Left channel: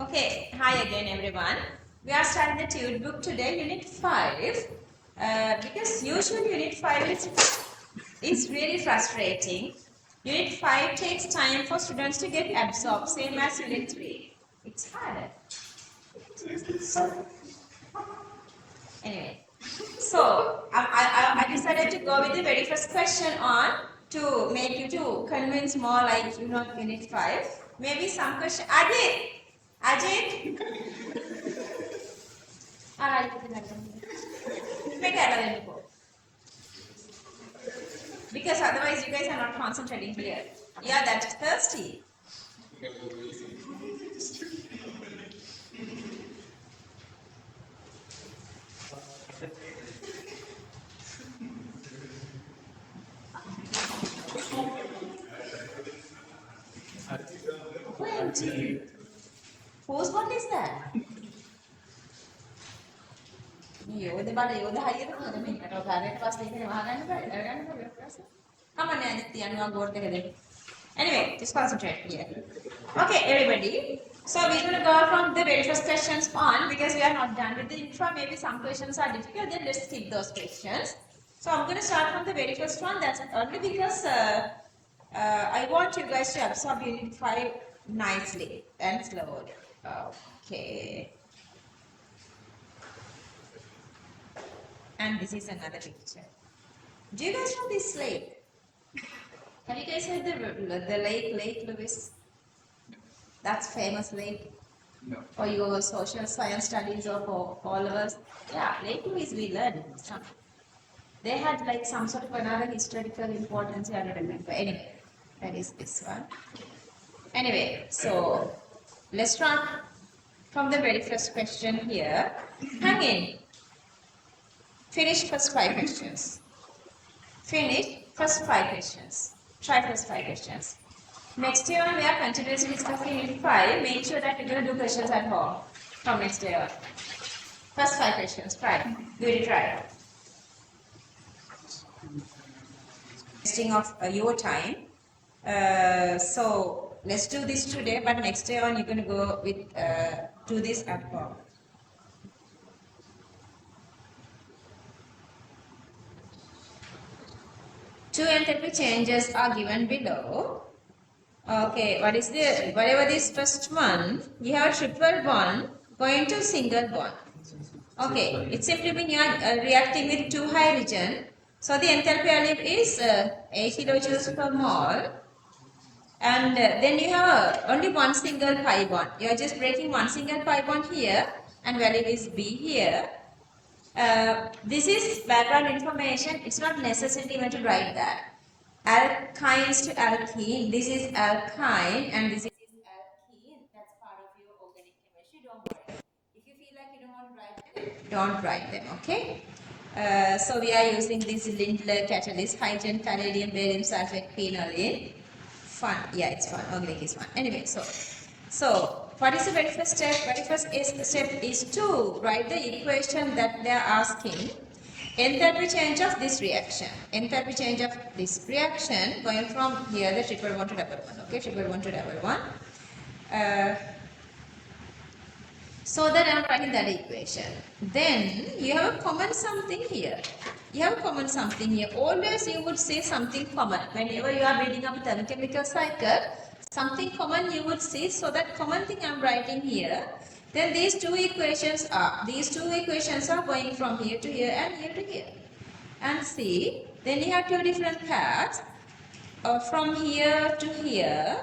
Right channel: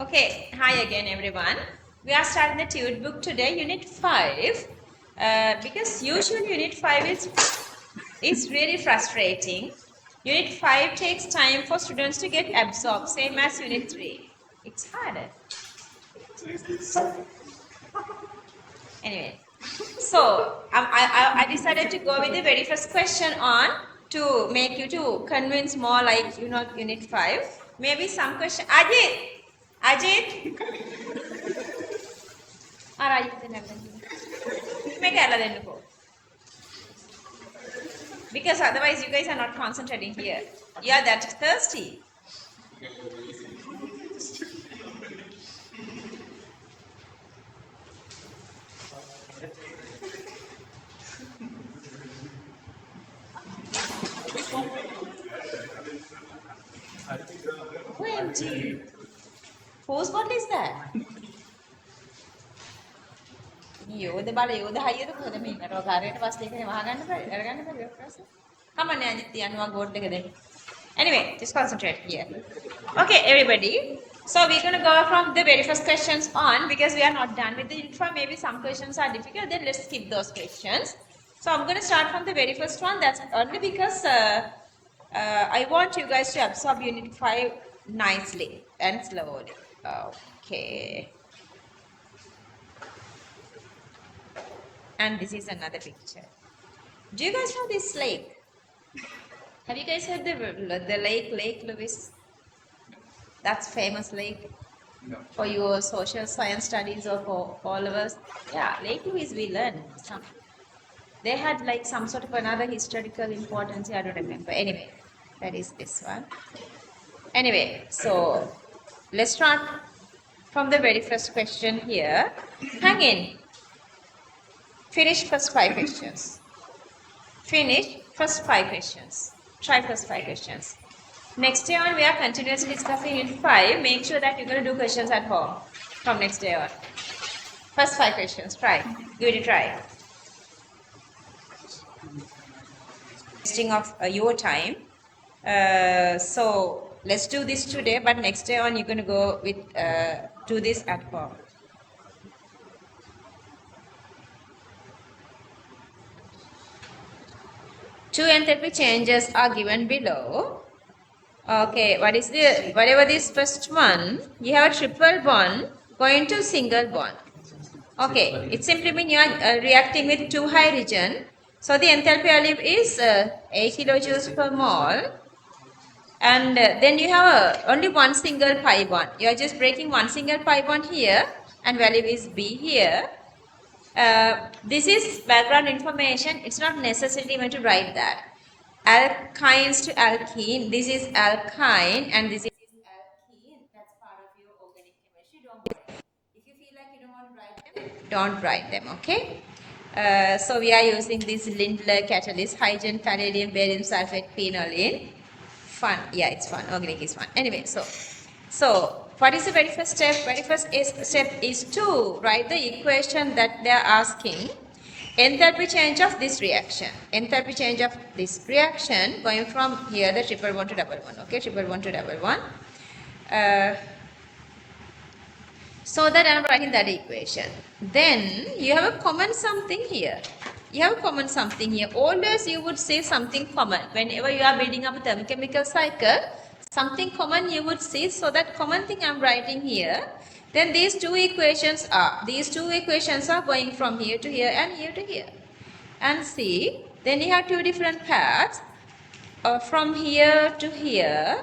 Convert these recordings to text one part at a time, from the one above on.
Okay, hi again everyone. We are starting the Tute book today, Unit 5. Because usually Unit 5 is really frustrating. Unit 5 takes time for students to get absorbed, same as Unit 3. It's harder. Anyway, so I decided to go with the very first question on to make you to convince more like Unit 5. Maybe some question. Ajit! Because otherwise you guys are not concentrating here. You are that thirsty. OMG. Whose bottle is that? යෝධ බල යෝධ හයියට කොහෙද මේ මට කාර්යයට පස්සේ ඉන්නේ වහගන්න බැරි අරගන්න බැරි ඔය ප්‍රශ්න. Come on අජිත් යනවා ගෝඩ් එක දෙන්න. Anyway, just concentrate here. Okay, everybody. So we're going to go from the very first questions on because we are not done with the intro. Maybe some questions are difficult. Then let's skip those questions. So I'm going to start from the very first one. That's only because I want you guys to absorb Unit 5 nicely and slowly. Okay. And this is another picture. Do you guys know this lake? Have you guys heard the Lake Lewis? That's famous lake. No. For your social science studies or for all of us. Yeah, Lake Lewis we learned some. They had like some sort of another historical importance. I don't remember. Anyway, that is this one. Anyway, so let's start from the very first question here. Hang in. Finish first 5 questions. Finish first 5 questions. Try first 5 questions. Next day on, we are continuously discussing Unit 5. Make sure that you're going to do questions at home from next day on. First 5 questions. Try. Give it a try. Wasting of your time. So let's do this today, but next day on, you're going to go with do this at home. Two enthalpy changes are given below. Okay, whatever this first one, you have a triple bond going to single bond. Okay, it simply means you are reacting with 2 hydrogen. So the enthalpy value is 8 kilojoules per mole. And then you have only one single pi bond. You are just breaking one single pi bond here and value is B here. This is background information. It's not necessarily meant to write that. Alkynes to alkene. This is alkyne and this is alkene. That's part of your organic chemistry. Don't worry. If you feel like you don't want to write them, don't write them. Okay. So we are using this Lindler catalyst, hydrogen, palladium, barium sulfate, phenolene. Fun. Yeah, it's fun. Organic is fun. Anyway, so what is the very first step? Very first step is to write the equation that they are asking. Enthalpy change of this reaction. Enthalpy change of this reaction going from here the triple bond to double bond. Okay, triple bond to double bond. So that I am writing that equation. Then you have a common something here. You have a common something here. Always you would say something common. Whenever you are building up a thermochemical cycle, something common you would see. So that common thing I am writing here. Then these two equations are going from here to here and here to here. And see, then you have 2 different paths from here to here,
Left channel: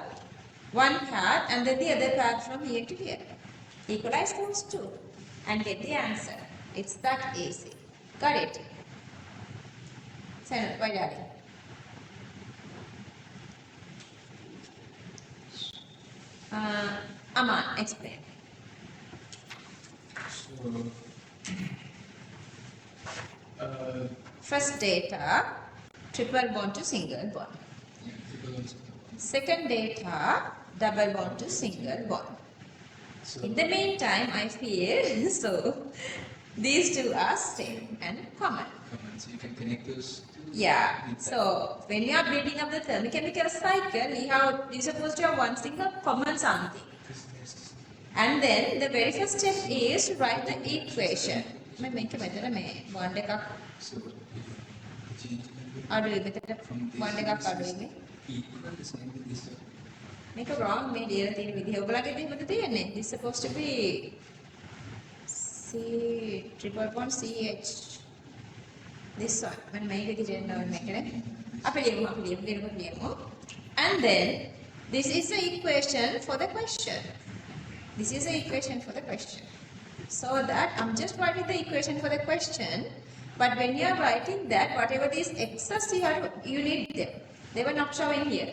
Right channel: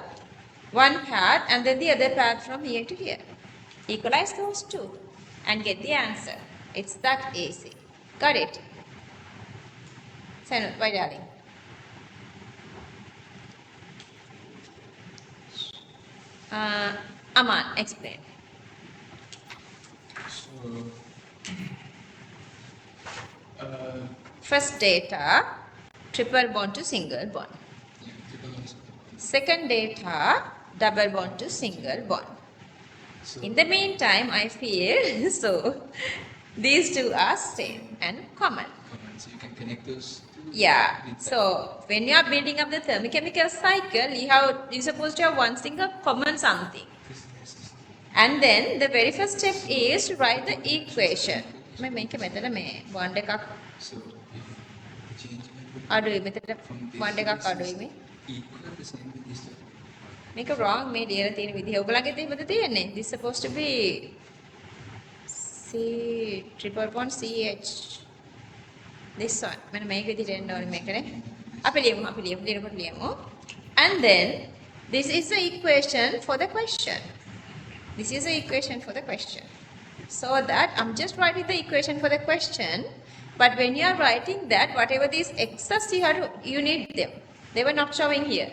one path, and then the other path from here to here. Equalize those 2 and get the answer. It's that easy. Got it? Send why darling? Aman, explain. First data, triple bond to single bond. Second data, double bond to single bond. In the meantime, I feel so these 2 are same and common. So you can connect those 2. Yeah. So when you are building up the thermochemical cycle, you're supposed to have one single common something. And then the very first step is to write the equation. I make a method bond එකක් So if change අඩුයි මෙතන bond එකක් අඩුයි මේ. equal the same with this. මේක wrong මේ ලියලා තියෙන විදිහ. ඔයගලගේ එහෙමද තියෙන්නේ? This supposed to be C triple bond CH. This one. මම මේක විදිහට එන්න ඕනේ මේකනේ. අපි ලියමු. And then this is the equation for the question. This is the equation for the question. So that I'm just writing the equation for the question. But when you are writing that, whatever these x's you need them. They were not showing here.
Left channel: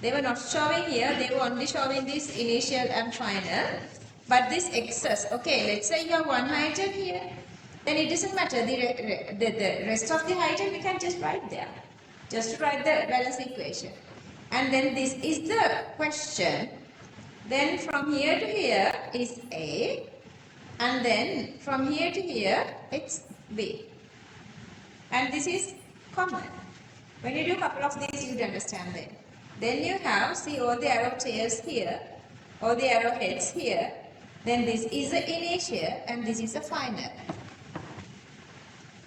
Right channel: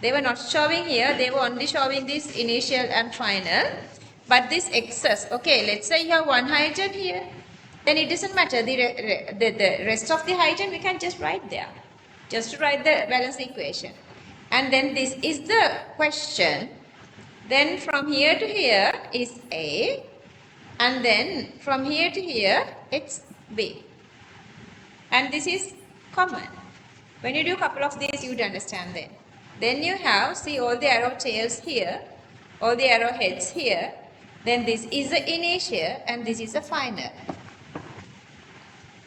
They were not showing here. They were only showing this initial and final. But this x's, okay, let's say you have one hydrogen here. Then it doesn't matter. The rest of the hydrogen we can just write there. Just to write the balance equation. And then this is the question. Then from here to here is A. And then from here to here it's B. And this is common. When you do a couple of these you would understand that. Then you have, see all the arrow chairs here. All the arrow heads here. Then this is the initial and this is the final.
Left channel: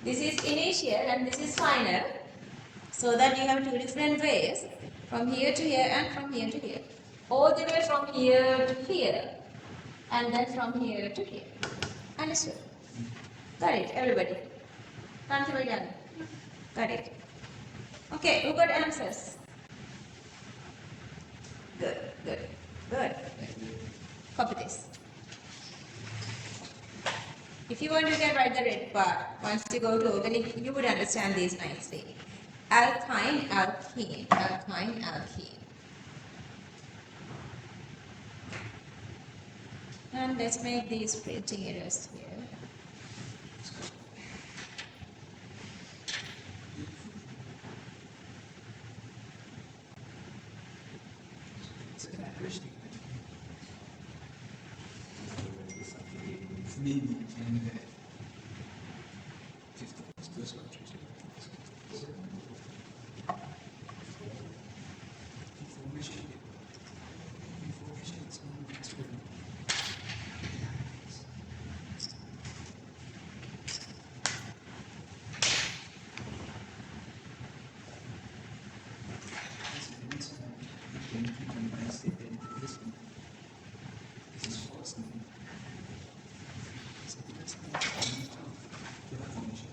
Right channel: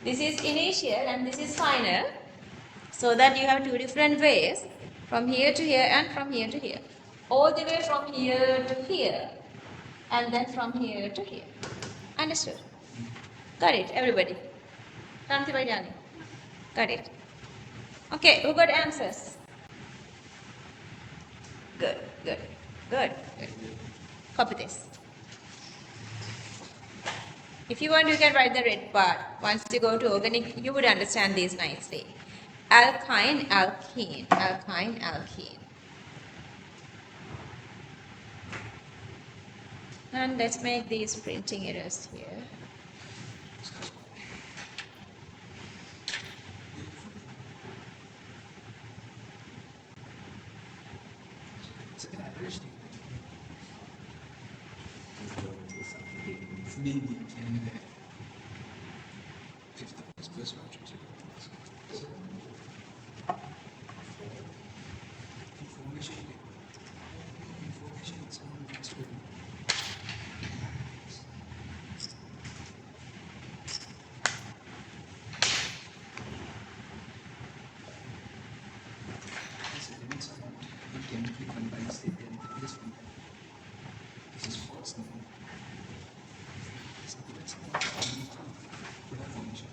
This is initial and this is final. So that you have two different ways. From here to here and from here to here. All the way from here to here. And then from here to here. Understood? Got it, everybody? Kanti Vaidani? Got it? Okay, who got answers? Good. Copy this. If you want, you can write the red part. Once you go to organic, you would understand these nicely. Alkyne, alkene, alkyne, alkene. And let's make these printing errors here. It's an average thing. It's mainly and 50 plus one. Information is only transferred. It can be combined state and this one. This is false now. Something that's not common to put a formation.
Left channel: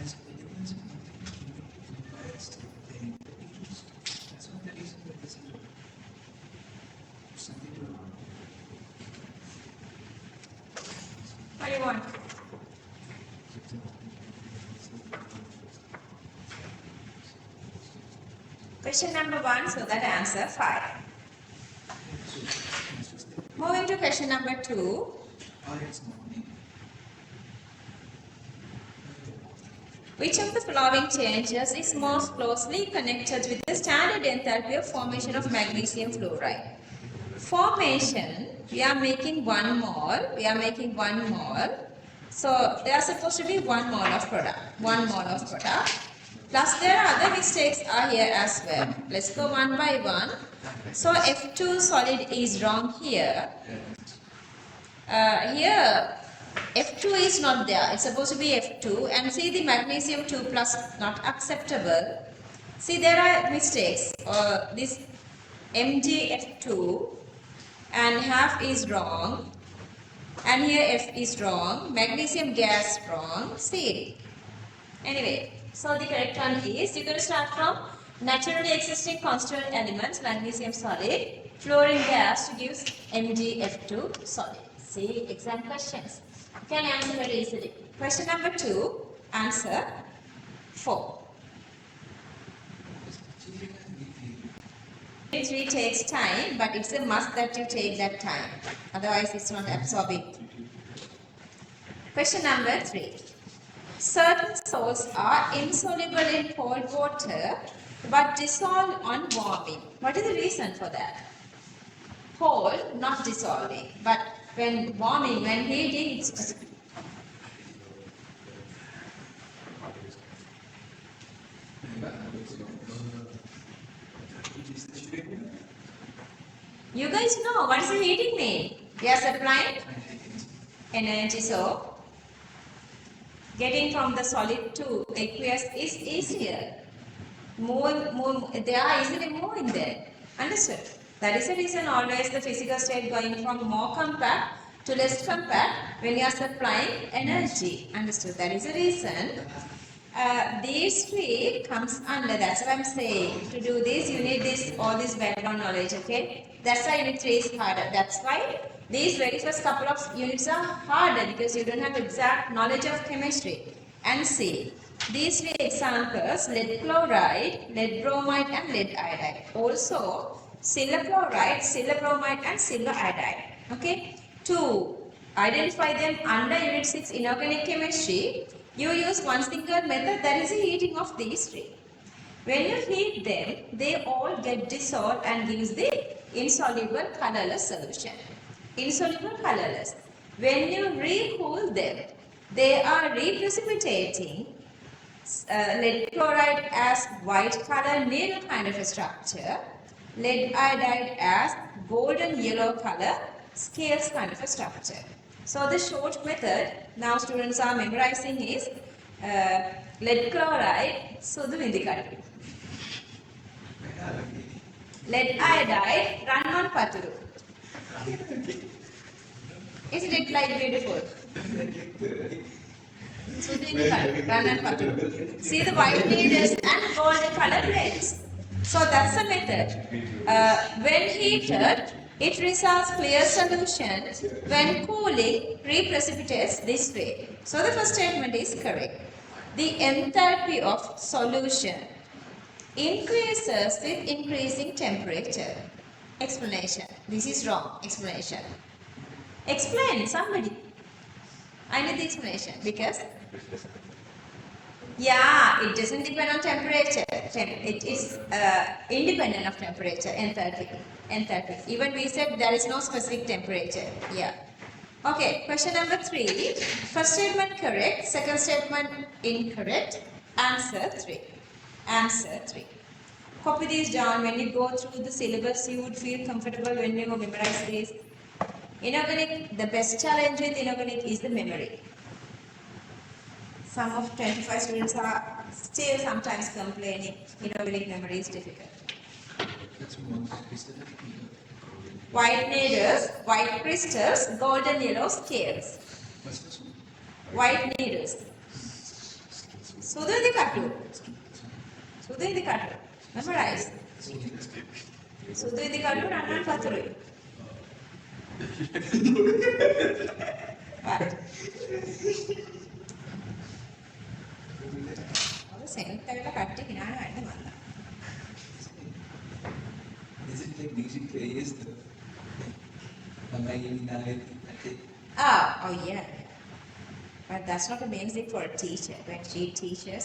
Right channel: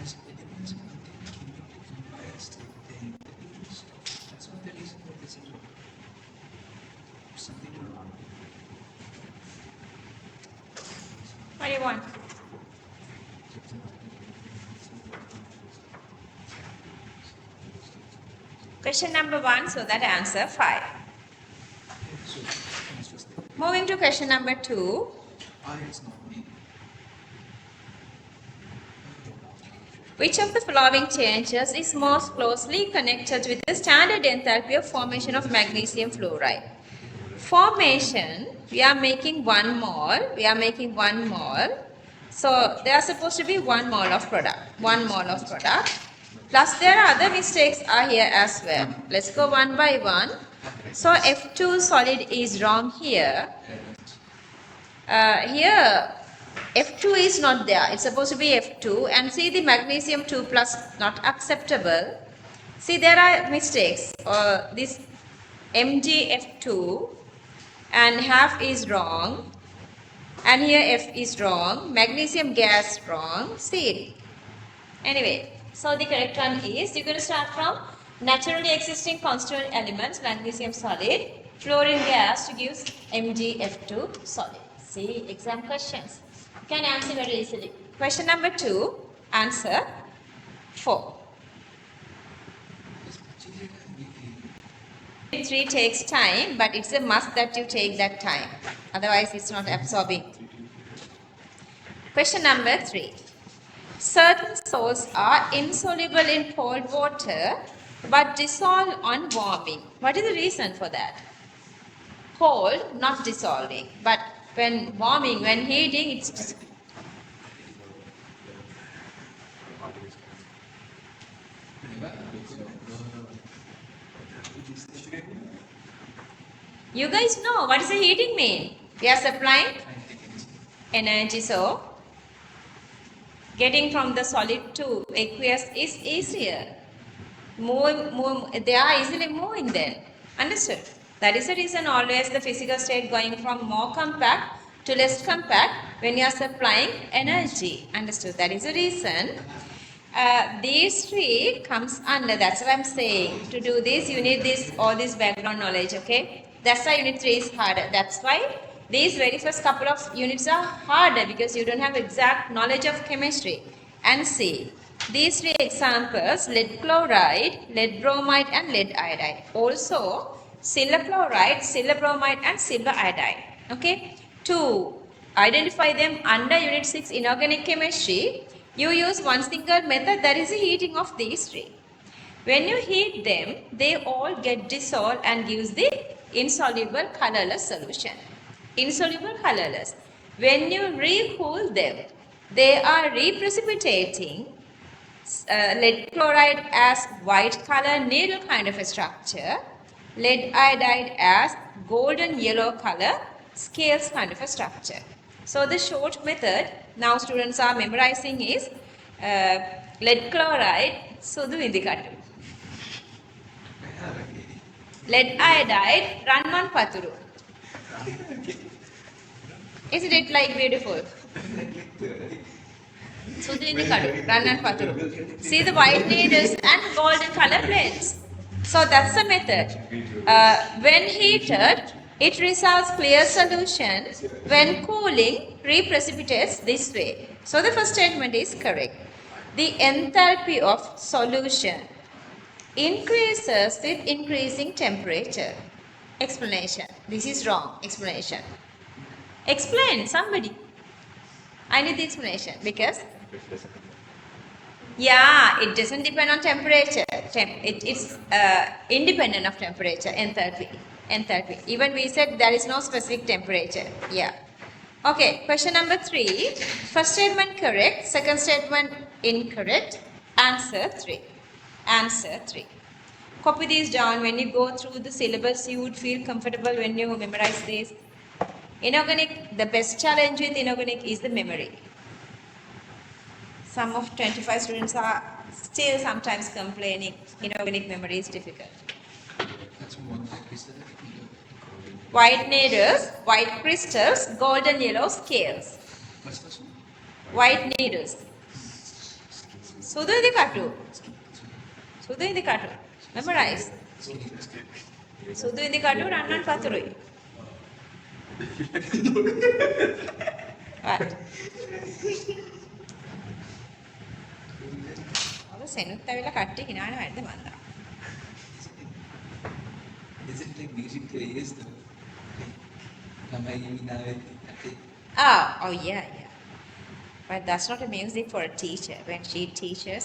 Has elements of the combined state then the different stuff. That's not the reason that this is wrong. Something wrong. What do you want? Question number 1, so that answer 5. Moving to question number 2. I is not me. Which of the following changes is most closely connected with the standard enthalpy of formation of magnesium fluoride? Formation, we are making 1 mole. So there are supposed to be 1 mole of product. 1 mole of product. Plus there are other mistakes are here as well. Let's go one by one. So F2 solid is wrong here. Here F2 is not there. It's supposed to be F2. And see the magnesium 2 plus not acceptable. See there are mistakes. This MgF2 and half is wrong. And here F is wrong. Magnesium gas wrong. See. Anyway. So the correct one is, you're going to start from naturally existing constituent elements, magnesium solid, fluorine gas to give MgF2 solid. See exam questions. You can answer very easily. Question number 2, answer 4. 3 takes time, but it's a must that you take that time. Otherwise, it's not absorbing. Question number 3. Certain salts are insoluble in cold water but dissolve on warming. What is the reason for that? Cold, not dissolving. But when warming, when heating, it's... Whenever You guys know what is the heating mean? We are supplying energy, so getting from the solid to aqueous is easier. They are easily moving then. Understood? That is the reason always the physical state going from more compact to less compact when you are supplying energy. Understood? That is the reason. These three comes under, that's what I'm saying. To do this, you need all this background knowledge, okay? That's why unit 3 is harder. That's why these very first couple of units are harder because you don't have exact knowledge of chemistry. And see, these three examples, lead chloride, lead bromide and lead iodide. Also, silver chloride, silver bromide and silver iodide. Okay? To identify them under unit 6 inorganic chemistry, you use one single method, that is the heating of these three. When you heat them, they all get dissolved and gives the insoluble colorless solution. Insoluble colorless. When you recool them, they are reprecipitating lead chloride as white color needle kind of a structure, lead iodide as golden yellow color scales kind of a structure. So the short method now students are memorizing is lead chloride sudu indikatu, lead iodide ranman paturu. Isn't it like beautiful? Sudu indikatu ranman paturu. See the white needles and golden color plates. So that's the method. When heated, it results clear solution. When cooling, reprecipitates this way. So the first statement is correct. The enthalpy of solution increases with increasing temperature. Explanation. This is wrong. Explanation. Explain, somebody. I need the explanation because yeah, it doesn't depend on temperature. It's independent of temperature, enthalpy. Enthalpy. Even we said there is no specific temperature. Yeah. Okay, question number 3. First statement correct, second statement incorrect. Answer 3. Answer 3. Copy these down. When you go through the syllabus, you would feel comfortable when you memorize this. Inorganic, the best challenge with inorganic is the memory. Some of 25 students are still sometimes complaining inorganic memory is difficult. White needles, white crystals, golden yellow scales. White needles. Sudu indikatu. Sudu indikatu. Memorize. Sudu indikatu rannan paturui. Right. සෙනුත් ඇවිල්ලා කට්ටිය හිනාන වැඩ මන්දා. Is it like music careers though? Oh yeah. But that's not a music for a teacher when she teaches.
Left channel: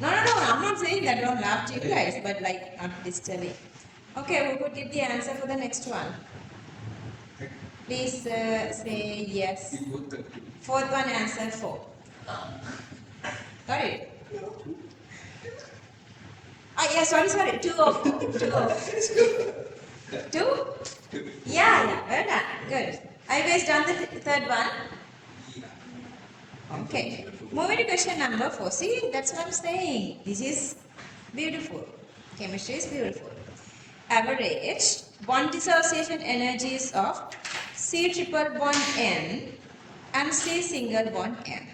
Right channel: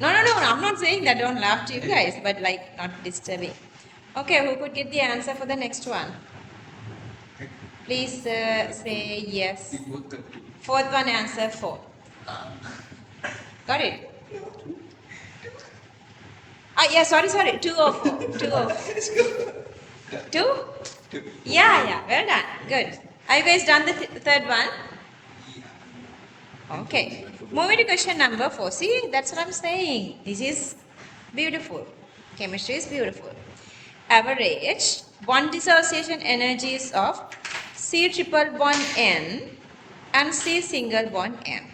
No, I'm not saying that, don't laugh to you guys, but like not disturbing. Okay, who could get the answer for the next one? Please say yes. Fourth one, answer 4. Got it? Yeah, sorry. 2 or 4. 2 or 4. 2? Yeah. Well done. Good. Are you guys done the third one? Okay. Moving to question number 4. See, that's what I'm saying. This is beautiful. Chemistry is beautiful. Average bond dissociation energies of C triple bond N and C single bond N.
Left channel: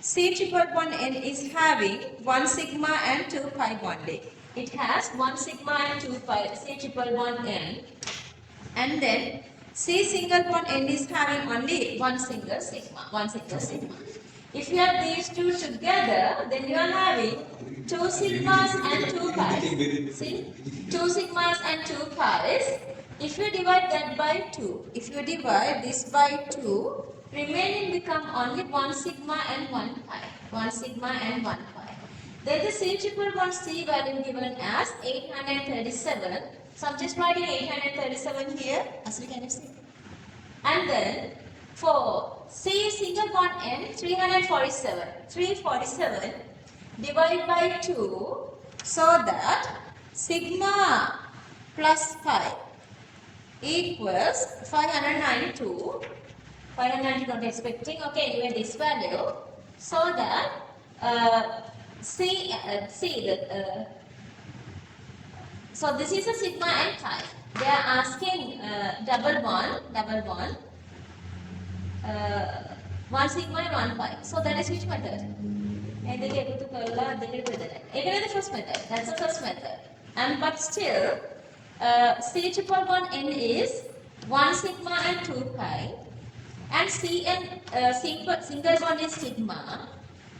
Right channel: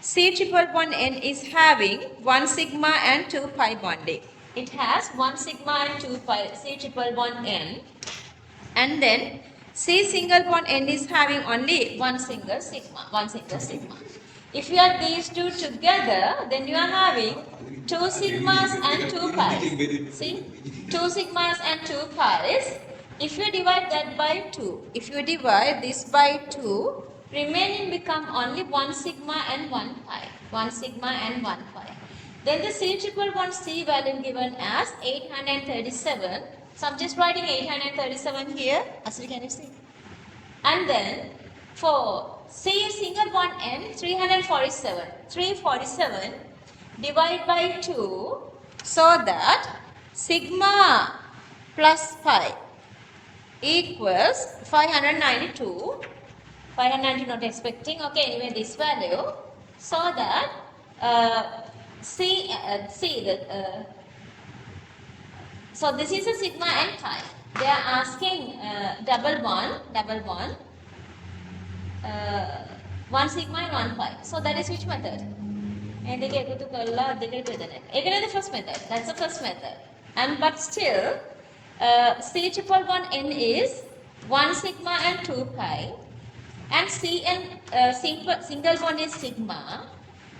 C triple bond N is having 1 sigma and 2 pi bonding. It has 1 sigma and 2 pi, C triple bond N. And then C single bond N is having only 1 single sigma. If you add these two together, then you are having 2 sigmas and 2 pi's. See? 2 sigmas and 2 pi's. If you divide that by 2, if you divide this by 2, remaining become only 1 sigma and 1 pi. 1 sigma and 1 pi. Then the C triple bond C value given as 837. So I'm just writing 837 here. Asli, can you see? And then for C single bond N, 347. 347. divide by 2 so that sigma plus pi equals 592. 590 not expecting. Okay, anyway, this value so that so this is a sigma and pi. They are asking double one, one sigma and one pi. So that is which method? The first method. That's the first method. And but still, C triple one N is 1 sigma and 2 pi. And C and single one is sigma.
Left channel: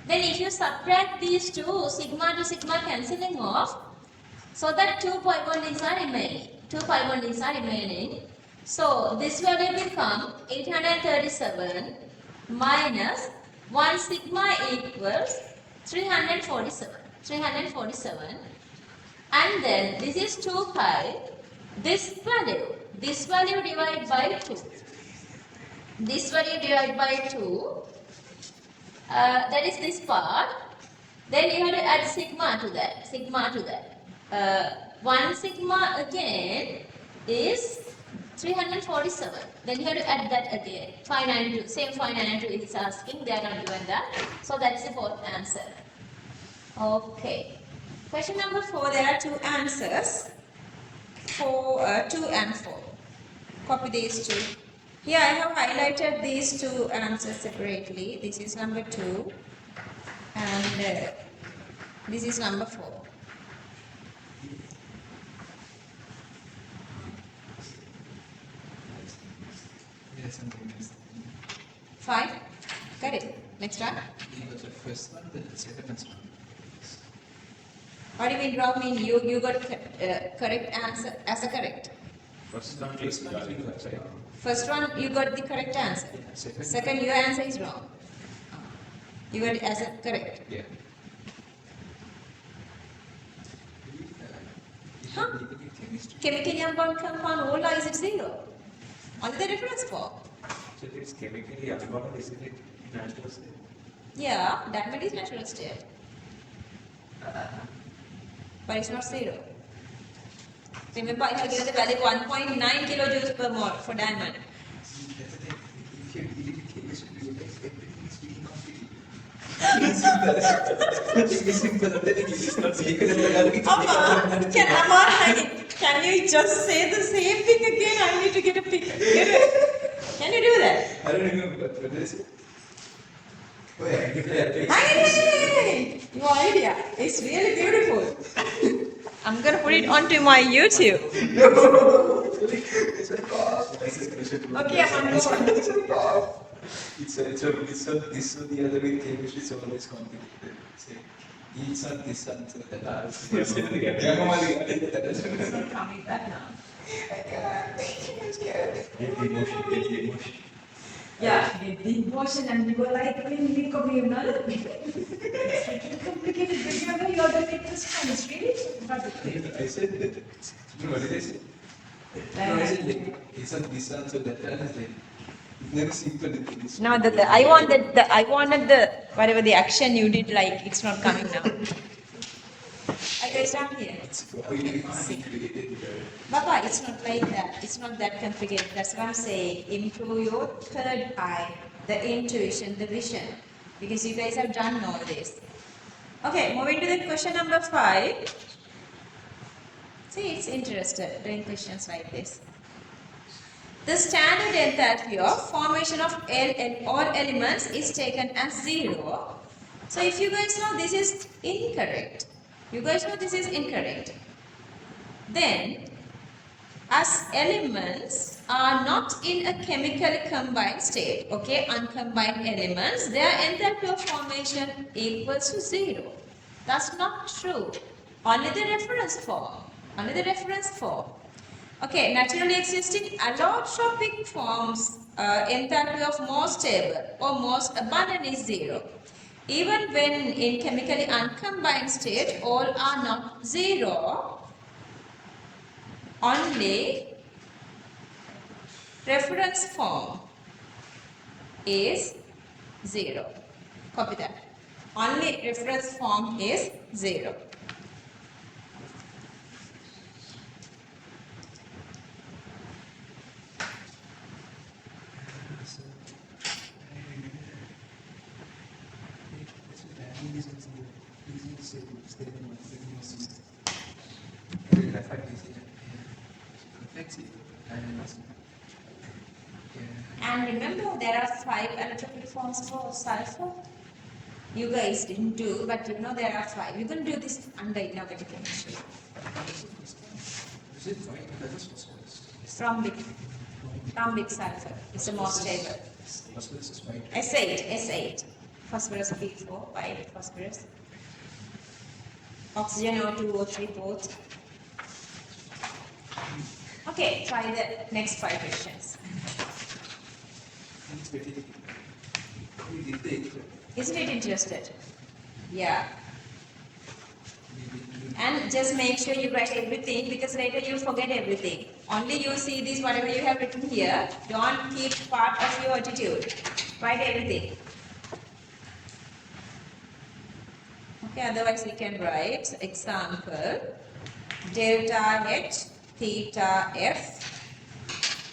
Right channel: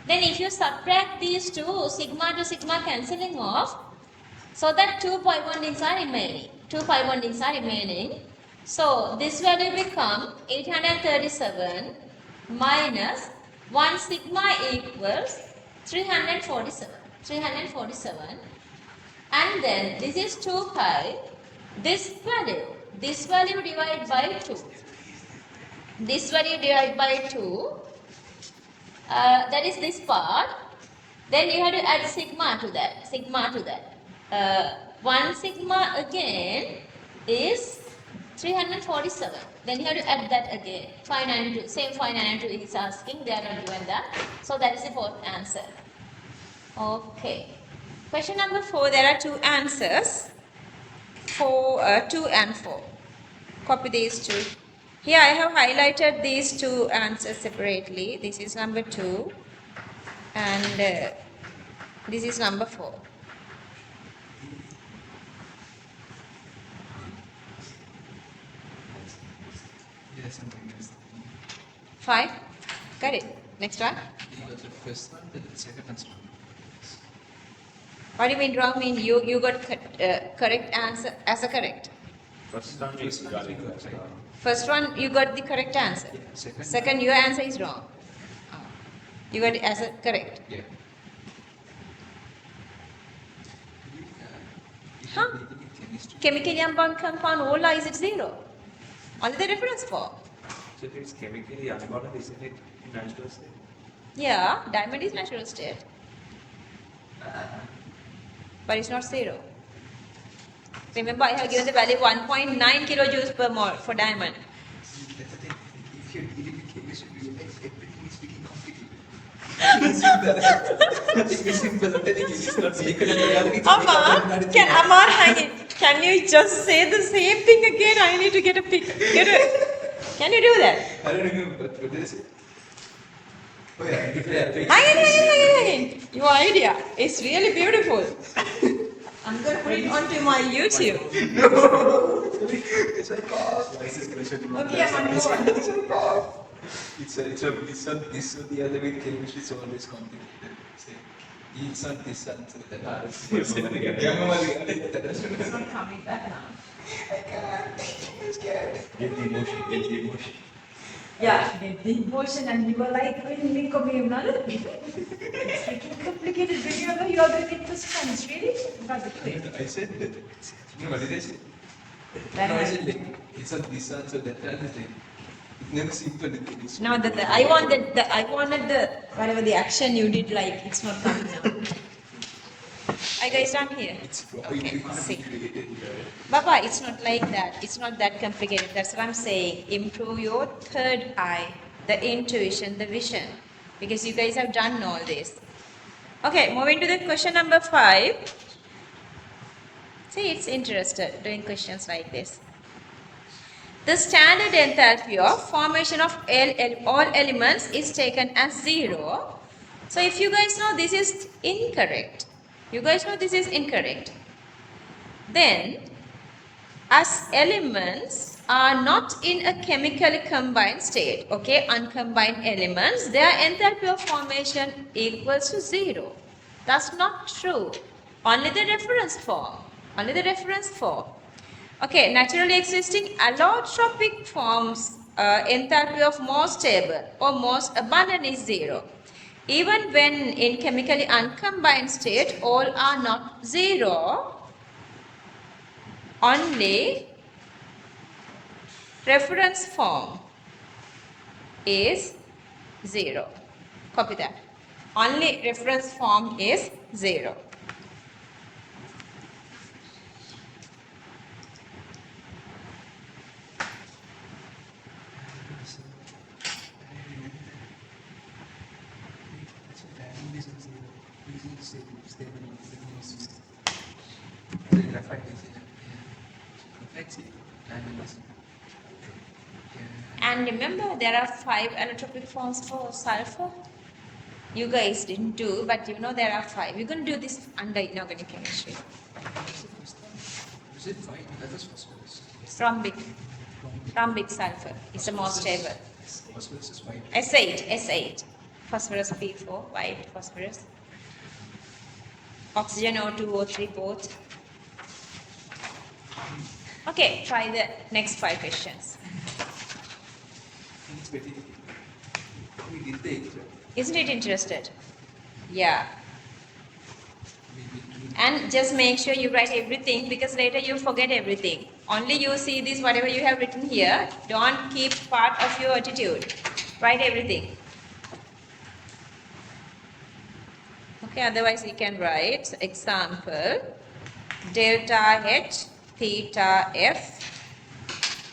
Then if you subtract these two, sigma to sigma cancelling off, so that 2 pi bondings are remaining. 2 pi bondings are remaining. So this value become 837 minus 1 sigma equals 347. 347. And then this is 2 pi. This value divided by 2. This value divided by 2. That is this part. Then you have to add sigma to that. 1 sigma again is 347. Then you have to add that again. 592. Same 592 is asking. They are not given that. So that is the fourth answer. Okay. Question number 4. There are two answers. 2 and 4. Copy these two. Here I have highlighted these two answers separately. This is number 2 and this is number 4. Yes, something else. 5. Got it. Next one. You got the first one, then the second one's wrong. What do you mean wrong? Mean you got correct answer as a correct. First one you got right. First one you got the correct answer. Yeah, Second your answer is wrong. You got it as a correct. Yeah. Huh? Chemically unbound compound all is it 0? Only the reference form. So if it's chemically unbound, isn't it natural state? Yeah, diamond is natural state. But it's not 0. Remember, I have given the value 1.9 kilojoules per mole for diamond. That's the thing. If you read it, you should realize everything is very complicated. It's simple. Nothing is simple. I'm telling you, it's not vehicle. Amma, can you just say the same thing again? I need to get a pic. Can you do that? I don't remember, what did I say? Oh yeah. Hang on. Your idea is really beautiful. I'm gonna put it onto my YouTube. It's like, oh. Okay, I'm on board. It's like, oh. It's on this or the other with chemistry, it's always complicated. It's like, it's on this answer, that answer. It's not coming back now. I can't. I'm scared. Get the emotion. Yeah, get the emotion and you were like, really communal. It's getting complicated. Did you ever hear the get response? Really? I said that. No, what did I say? No, I said like, it's on this answer, that answer. It's never simple. It's No, I wanted the whatever the action you did, like it's not coming now. I guys done here. It's Okay, see. complicated. Baba, it's not like that. It's not that complicated. That's what I'm saying. Improve your third eye, the intuition, the vision. Because you guys have done all this. Okay, moving to the question number 5. See, it's interested doing questions like this. The standard enthalpy of formation of all elements is taken as 0. So if you guys know this is incorrect, then as elements are not in a chemically combined state, okay, uncombined elements, their enthalpy of formation equals to 0. That's not true. Only the reference form. Okay, naturally existing allotropic forms enthalpy of most stable or most abundant is 0. Even when in chemically uncombined state, all are not 0. Only reference form is 0. Copy that. Only reference form is 0. So, it's a dynamism zero. Easily stable with the graphite is zero. Yeah. Graphite zero. Dynamism. Yeah. And remember, there are 5 allotropic forms for sulfur. You guys didn't do, but you know there are 5. You're going to do this under inorganic chemistry. What's the first one? Is it white? That is phosphorus. Rhombic sulfur is the most stable. Phosphorus is white. S8. Phosphorus P4, white phosphorus. Oxygen O2, O3 both. Okay, try the next 5 questions. It's very. We did the exam. Isn't it interested? Yeah. Maybe And just make sure you write everything because later you forget everything. Only you see this, whatever you have written here. Don't keep part of your attitude. Write everything. Okay, otherwise you can write example delta H theta F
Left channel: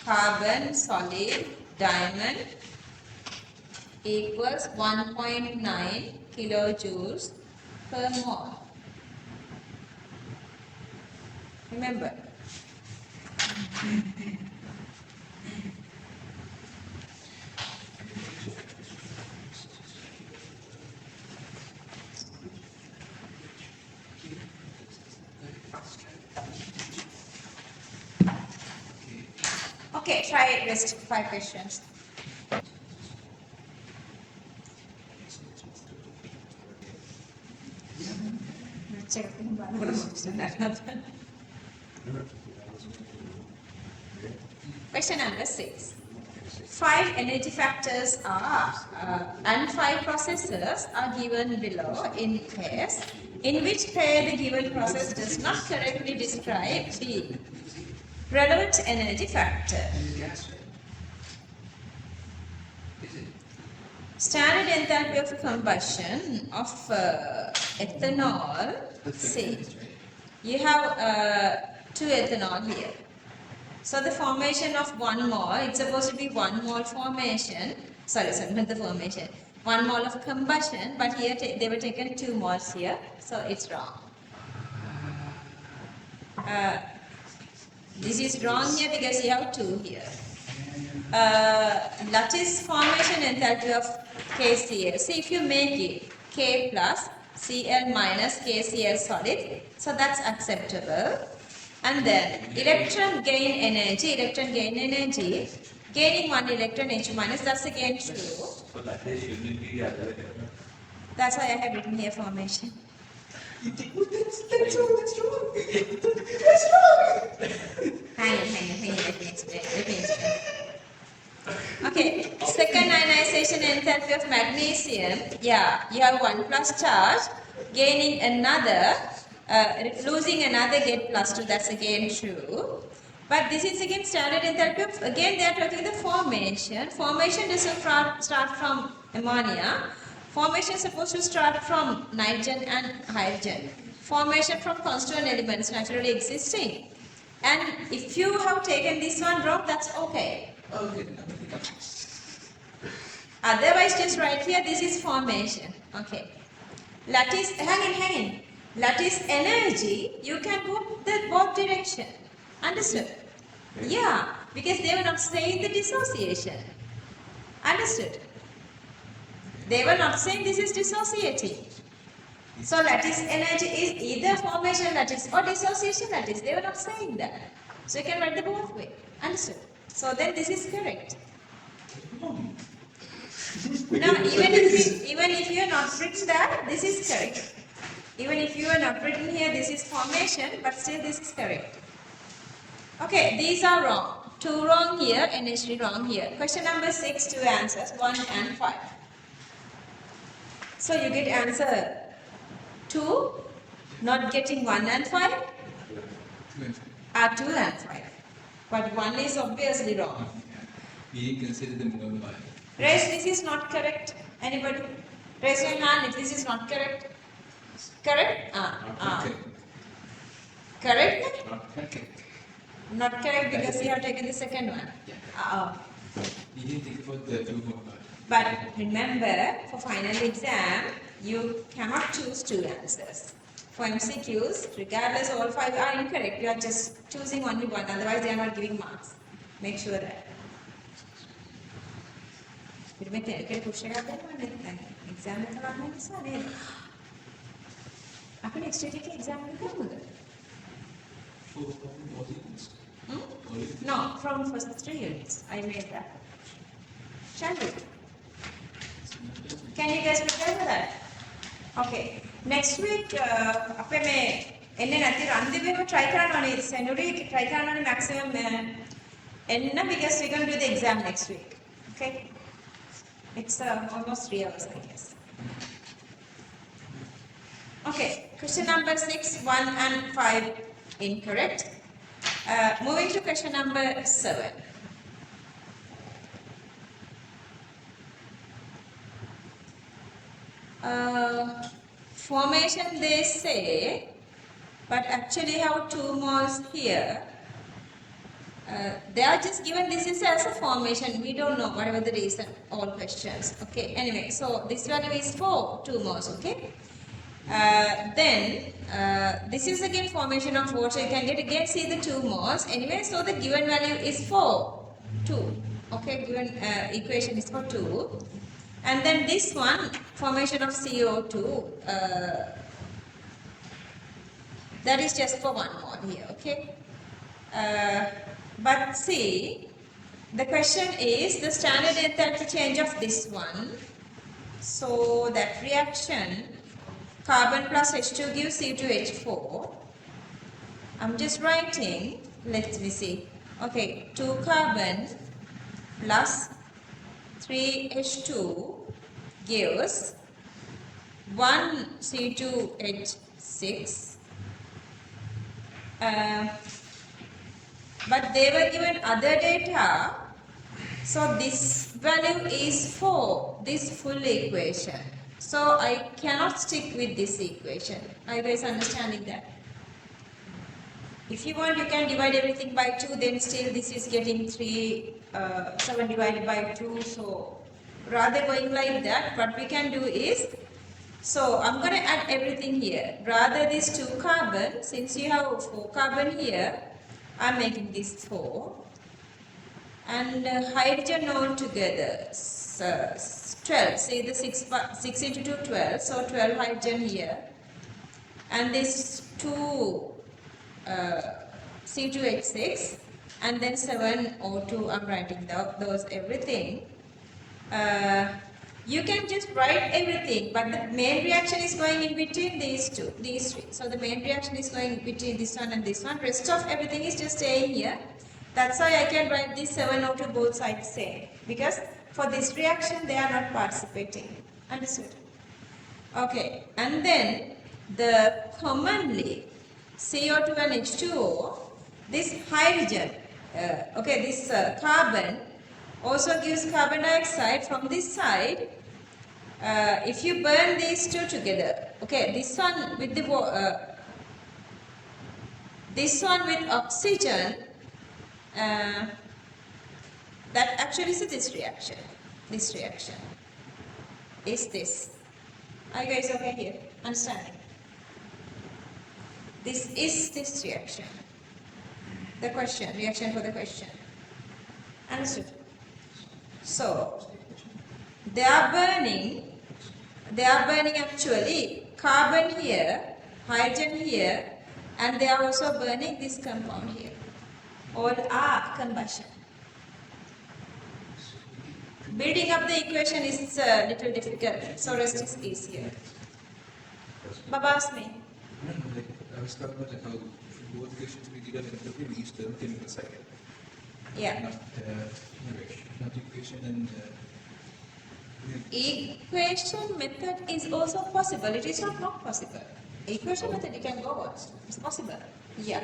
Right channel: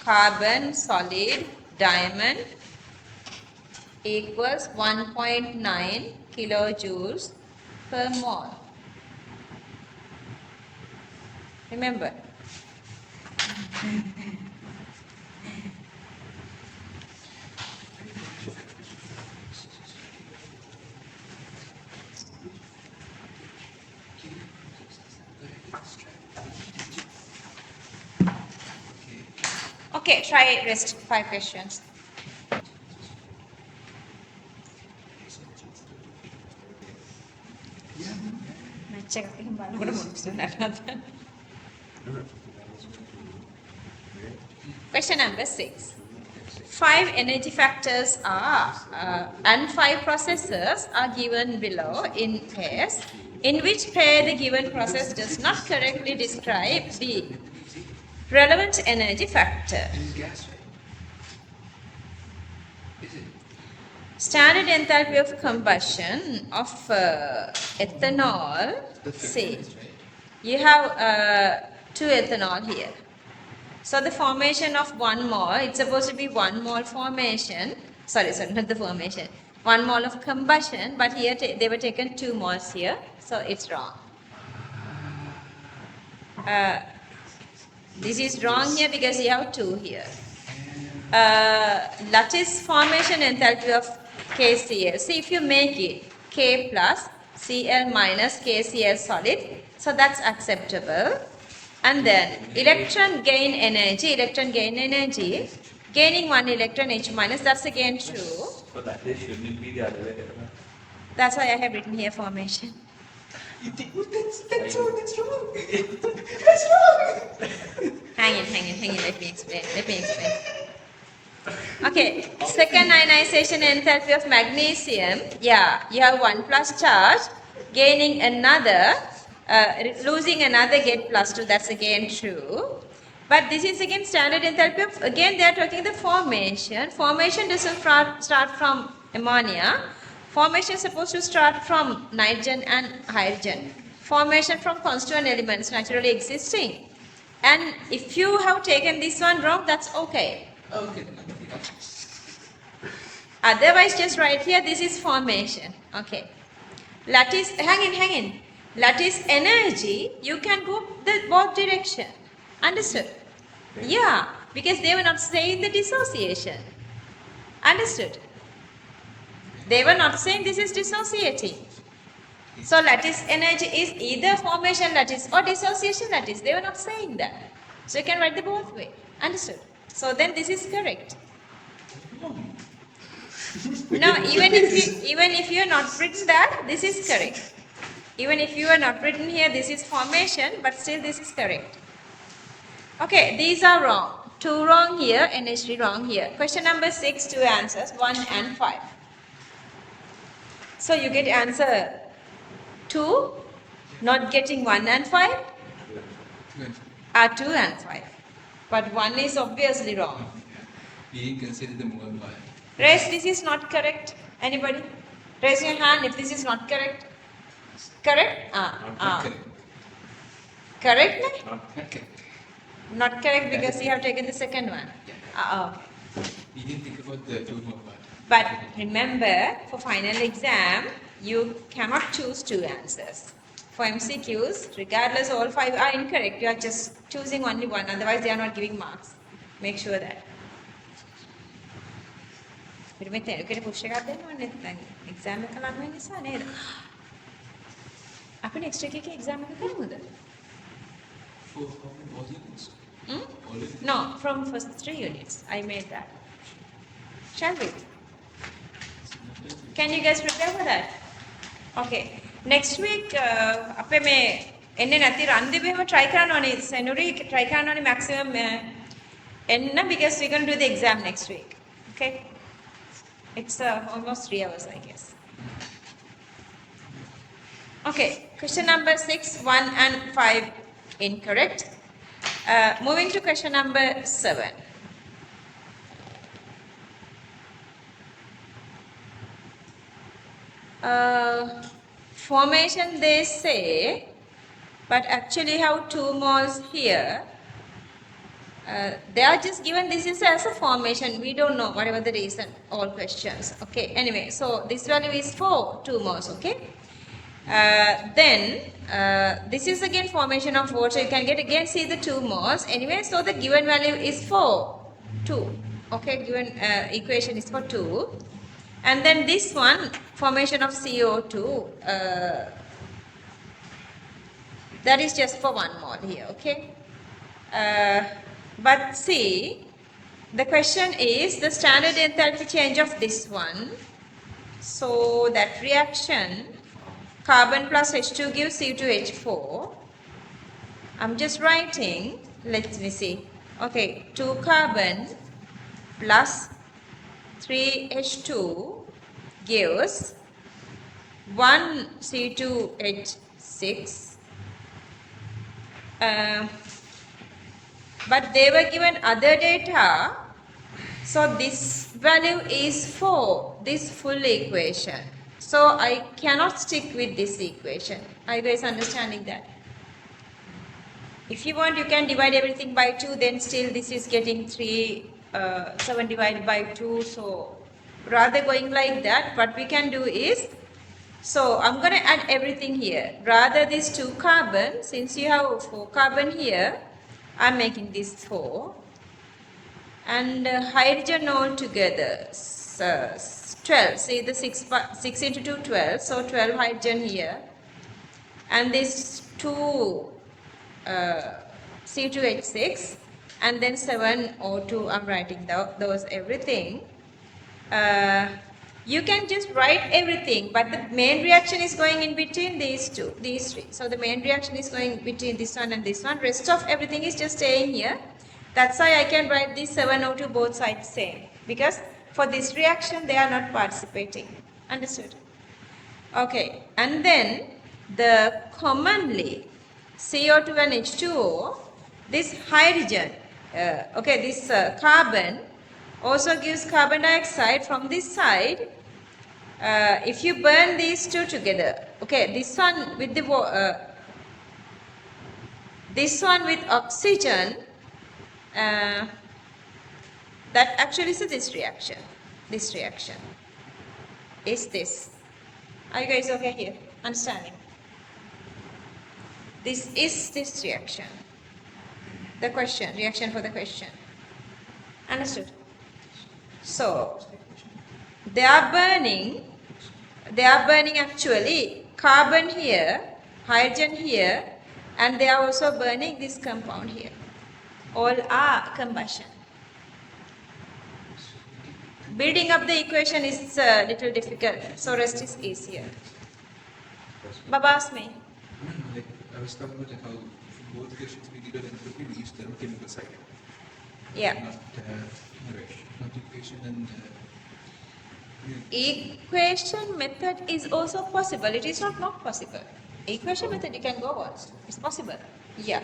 carbon solid diamond equals 1.9 kilojoules per mole. Remember. Okay, try rest 5 questions. Question number 6. 5 energy factors are and 5 processes are given below in pairs in which pair the given process does not correctly describe the relevant energy factor. and gas, right? Is it? Standard enthalpy of combustion of ethanol, say, you have 2 ethanol here. So the formation of 1 mole, it's supposed to be 1 mole formation, sorry, not the formation, 1 mole of combustion, but here they were taken 2 moles here, so it's wrong. This is wrong here because you have 2 here. Lattice formation enthalpy of KCl. See, if you make it K plus Cl minus KCl solid, so that's acceptable. And then electron gain energy, gaining 1 electron H minus, that's again true. So that is shouldn't be the other way around. That's why I have written here formation. That's wrong. That's wrong. Hang in, let me explain. Okay, second ionization enthalpy of magnesium, yeah, you have 1 plus charge, gaining another, losing another, get plus 2, that's again true. But this is again standard enthalpy of, again they are talking the formation. Formation doesn't start from ammonia. Formation is supposed to start from nitrogen and hydrogen. Formation from constituent elements naturally existing. And if you have taken this one wrong, that's okay. Okay. Otherwise, just write here, this is formation. Okay. Lattice, hang in. Lattice energy, you can go the both direction. Understood? Yeah, because they were not saying the dissociation. Understood? They were not saying this is dissociating. So lattice energy is either formation lattice or dissociation lattice. They were not saying that. So you can write the both way. Understood? So then this is correct. No, even if you are not written that, this is correct. Even if you are not written here, this is formation, but still this is correct. Okay, these are wrong. 2 wrong here, NH3 wrong here. Question number 6, 2 answers, 1 and 5. So you get answer 2, not getting 1 and 5, 2 and 5. But 1 is obviously wrong. Being considered the mole one. Rest, this is not correct. Anybody? Raise your hand if this is not correct. Correct? Correct. Correct? Not correct. Not correct because you have taken the second one. Yeah. We didn't think about the two more part. But remember, for final exam, you cannot choose two answers. For MCQs, regardless all five are incorrect, you are just choosing only one, otherwise they are not giving marks. Make sure that. පිරිමේ තේරුකේ push එකක් දෙන්න ඕනේ දැන් exam එක ලඟ වෙන නිසා නේද? අපි next week එකේ එක්සෑම් එක කරමුද? For all units. Hmm? All units. No, from first 3 units. I made that. Shall we? Can you guys prepare for that? Okay. Next week, අපේ මේ එන්නේ නැති රන් දෙවෙම try කරන්න ඕනේ. Senuri try කරන්න ඕනේ maximum එන්න because we're going to do the exam next week. Okay? It's almost 3 hours, I guess. Okay, question number 6, 1 and 5 incorrect. Moving to question number 7. Formation they say, but actually have 2 moles here. They are just given this is as a formation. We don't know whatever the reason. All questions. Okay. Anyway, so this value is for 2 moles. Okay. Then this is again formation of water. You can get again see the 2 moles. Anyway, so the given value is for 2. Okay. Given equation is for 2. And then this one formation of CO2. That is just for 1 mole here. Okay. But see, the question is the standard enthalpy change of this one. So that reaction, carbon plus H2 gives C2H4. I'm just writing, let me see. Okay, 2 carbon plus 3H2 gives 1 C2H6. But they were given other data, so this value is for this full equation. So I cannot stick with this equation. Are you guys understanding that? If you want, you can divide everything by 2, then still this is getting 7 divided by 2. So rather going like that, what we can do is, so I'm going to add everything here. Rather this 2 carbon, since you have 4 carbon here, I'm making this 4. And hydrogen all together, 12. See the 6 into 2, 12. So 12 hydrogen here. And this 2 C2H6. And then 7 O2, I'm writing those everything. You can just write everything, but the main reaction is going in between these 3. So the main reaction is going between this one and this one. Rest of everything is just staying here. That's why I can write this 7O2 both sides same. Because for this reaction, they are not participating. Understood? Okay. And then the commonly CO2 and H2O, this hydrogen, this carbon also gives carbon dioxide from this side. If you burn these 2 together, okay, this one with the this one with oxygen, that actually is this reaction. This reaction is this. Are you guys okay here? Understanding? This is this reaction. The question, reaction for the question. Understood? So, they are burning actually carbon here, hydrogen here, and they are also burning this compound here. All are combustion. Building up the equation is a little difficult, so rest is easier. Baba asked me. No, like I was talking about like how for both equations we did an entropy, we used thermochemical cycle. Yeah. Not equation and Equation method is also possible. It is not possible. Equation method you can go on. It's possible. Yeah.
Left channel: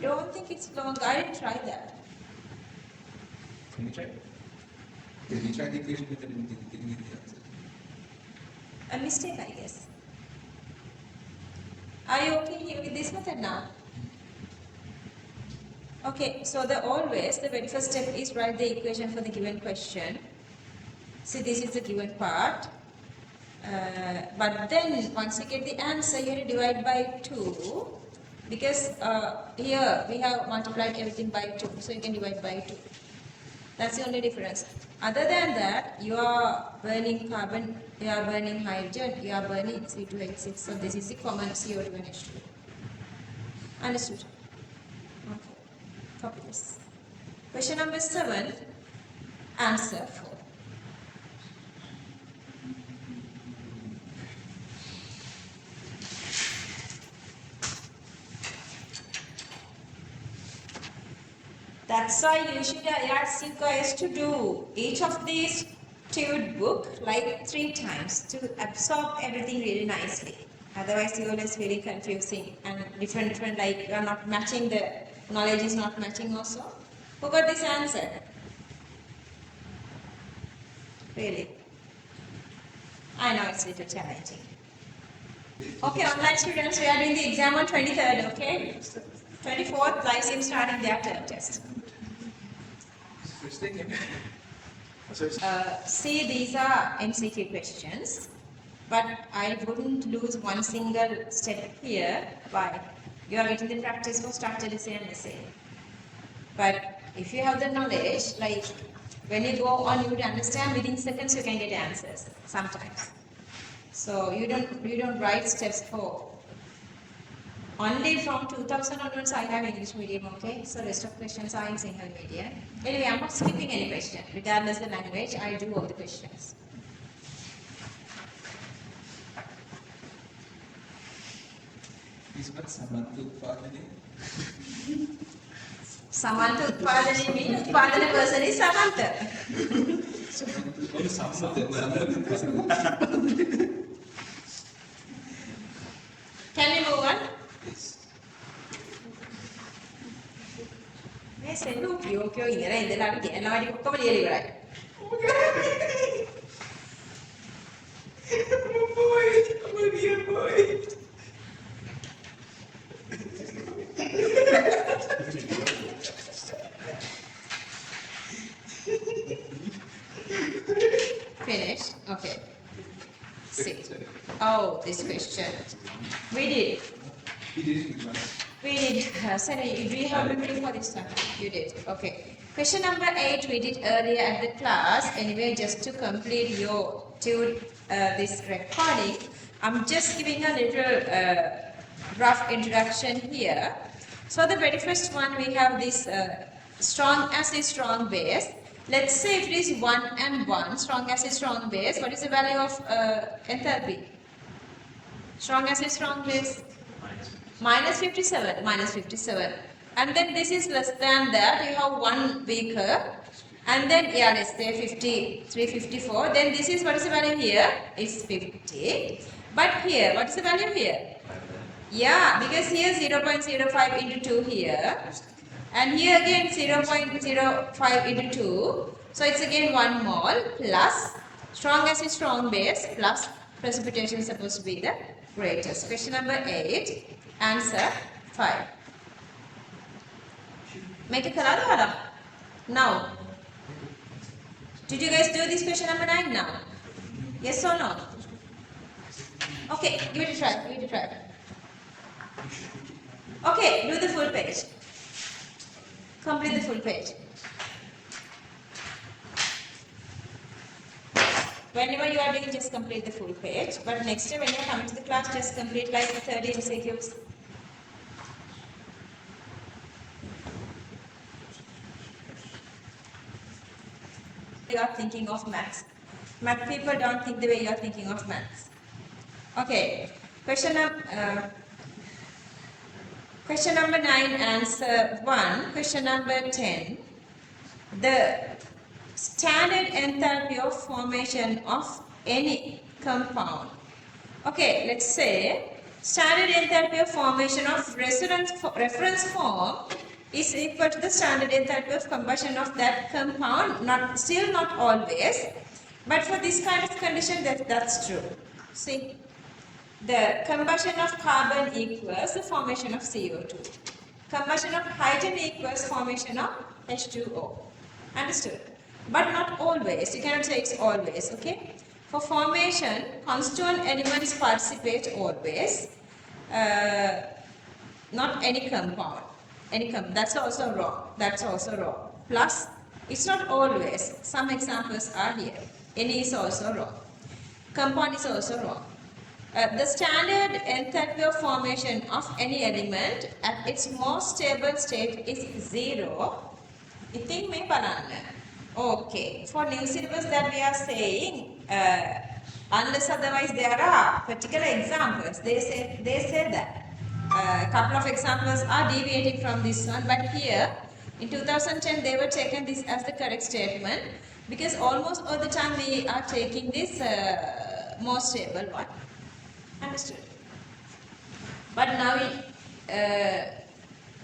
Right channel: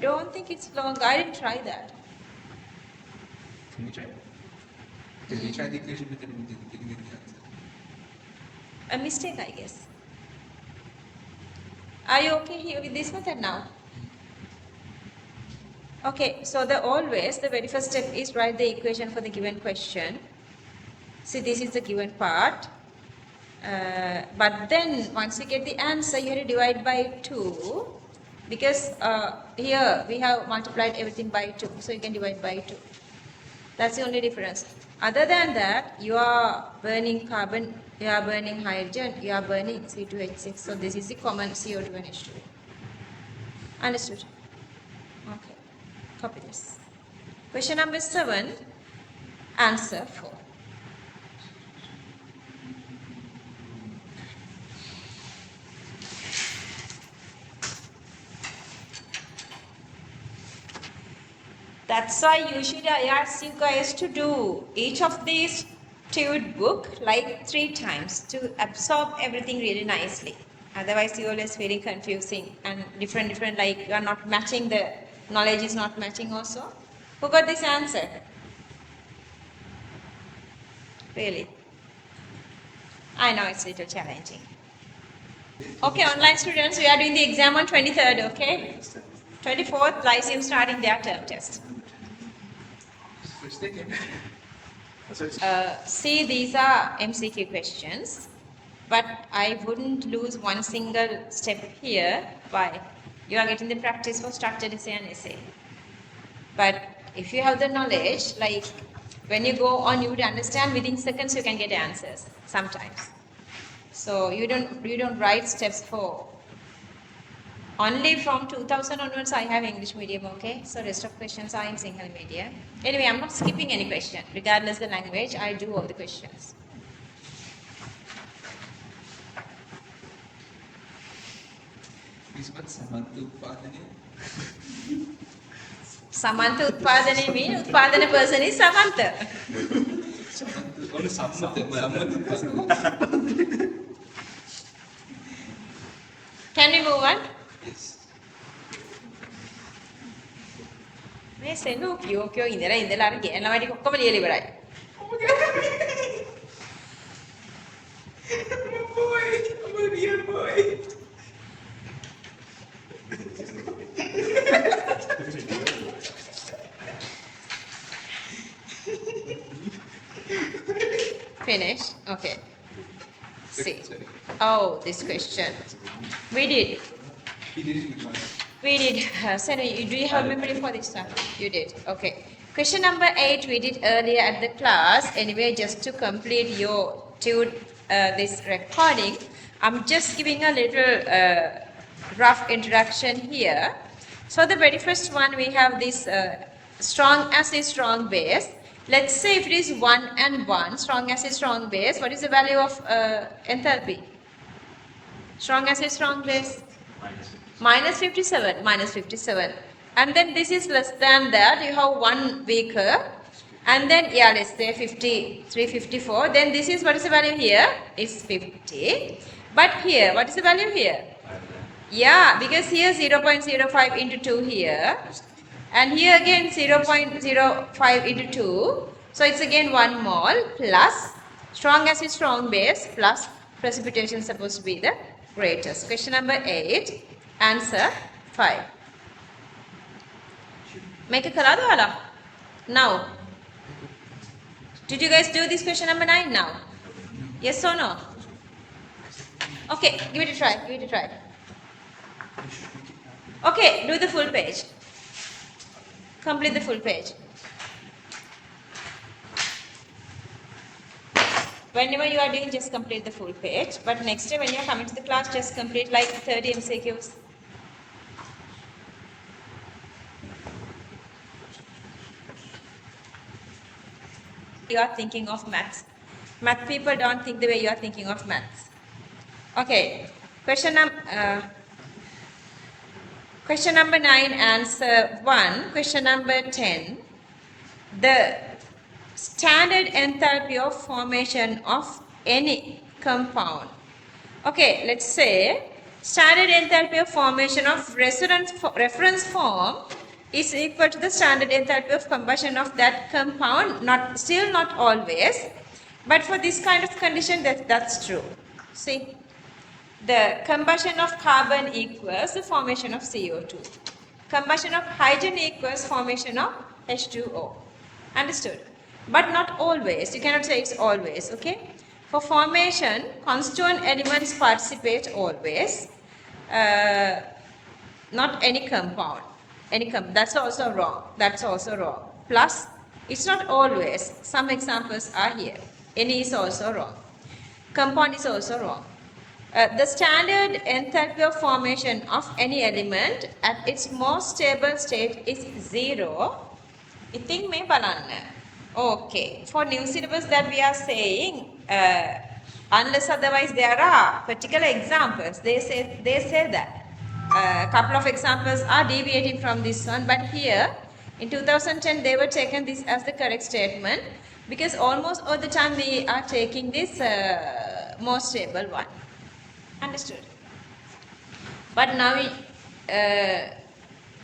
Don't think it's long. I didn't try that. Can we try? Because we tried the equation, but then we didn't get the answer. A mistake, I guess. Are you okay here with this method now? Okay, so the very first step is write the equation for the given question. See, this is the given part. But then once you get the answer, you have to divide by 2 because here we have multiplied everything by 2, so you can divide by 2. That's the only difference. Other than that, you are burning carbon, you are burning hydrogen, you are burning C2H6. So this is the common CO2 and H2. Understood? Okay. Copy this. Question number 7, answer 4. That's why usually I ask you guys to do each of these Tute book like 3 times to absorb everything really nicely. Otherwise you always very confusing and different like you are not matching, the knowledge is not matching also. Who got this answer? Really? I know it's a little challenging. Okay, online students, we are doing the exam on 23rd, okay? 24th, Lyceum starting their term test. Switch the game. See, these are MCQ questions, but I wouldn't lose one single step here. Why? You are getting the practice for structured essay and essay. But if you have the knowledge, like when you go on, you would understand within seconds you can get answers sometimes. So you don't write steps for. Only from 2000 onwards I have English medium, okay? So rest of questions are in Sinhala medium. Anyway, I'm not skipping any question. Regardless the language, I'll do all the questions. Please, what Samantha Utpadane? Samantha Utpadane means Utpadana person is Samantha. Samantha, only Samantha. Can we move on? Yes. මේ සෙනු කියෝ ඉඳලා අර ගෑනලා වැඩි ඔක්කොම ලියලා ඉවරයි. Boy, I'm a real boy. Finish? Okay. See. Sorry. Oh, this question. We did. He did it in the class. We did. Senu, do you have memory for this one? You did. Okay. Question number 8 we did earlier at the class. Anyway, just to complete your this recording, I'm just giving a little rough introduction here. So the very first one, we have this strong acid, strong base. Let's say if it is 1 and 1, strong acid, strong base, what is the value of enthalpy? Strong acid, strong base? Minus 57, minus 57. And then this is less than that, you have one weaker. And then, yeah, let's say 53, 54. Then this is, what is the value here? It's 50. But here, what is the value here? Yeah, because here 0.05 into 2 here. And here again 0.05 into 2. So it's again 1 mole plus strong acid, strong base plus precipitation is supposed to be the greatest. Question number 8. Answer 5. Make a color. Now. Did you guys do this question number 9 now? Yes or no? Okay, give it a try. Give it a try. Okay, do the full page. Complete the full page. Whenever you are doing, just complete the full page. But next time when you are coming to the class, just complete like 30 MCQs. You are thinking of maths. Math people don't think the way you are thinking of maths. Okay, question number 9, answer 1. Question number 10. The standard enthalpy of formation of any compound. Okay, let's say standard enthalpy of formation of reference form is equal to the standard enthalpy of combustion of that compound. Still not always, but for this kind of condition that's true. See, the combustion of carbon equals the formation of CO2. Combustion of hydrogen equals formation of H2O. Understood? But not always. You cannot say it's always, okay? For formation, constituent elements participate always. Not any compound. That's also wrong. That's also wrong. Plus, it's not always. Some examples are here. Any is also wrong. Compound is also wrong. The standard enthalpy of formation of any element at its most stable state is 0. ඉතින් මේ බලන්න. Okay. For new syllabus that we are saying, unless otherwise there are particular examples. They say that. A couple of examples are deviating from this one, but here in 2010 they were taken this as the correct statement because almost all the time we are taking this most stable one. Understood? But now,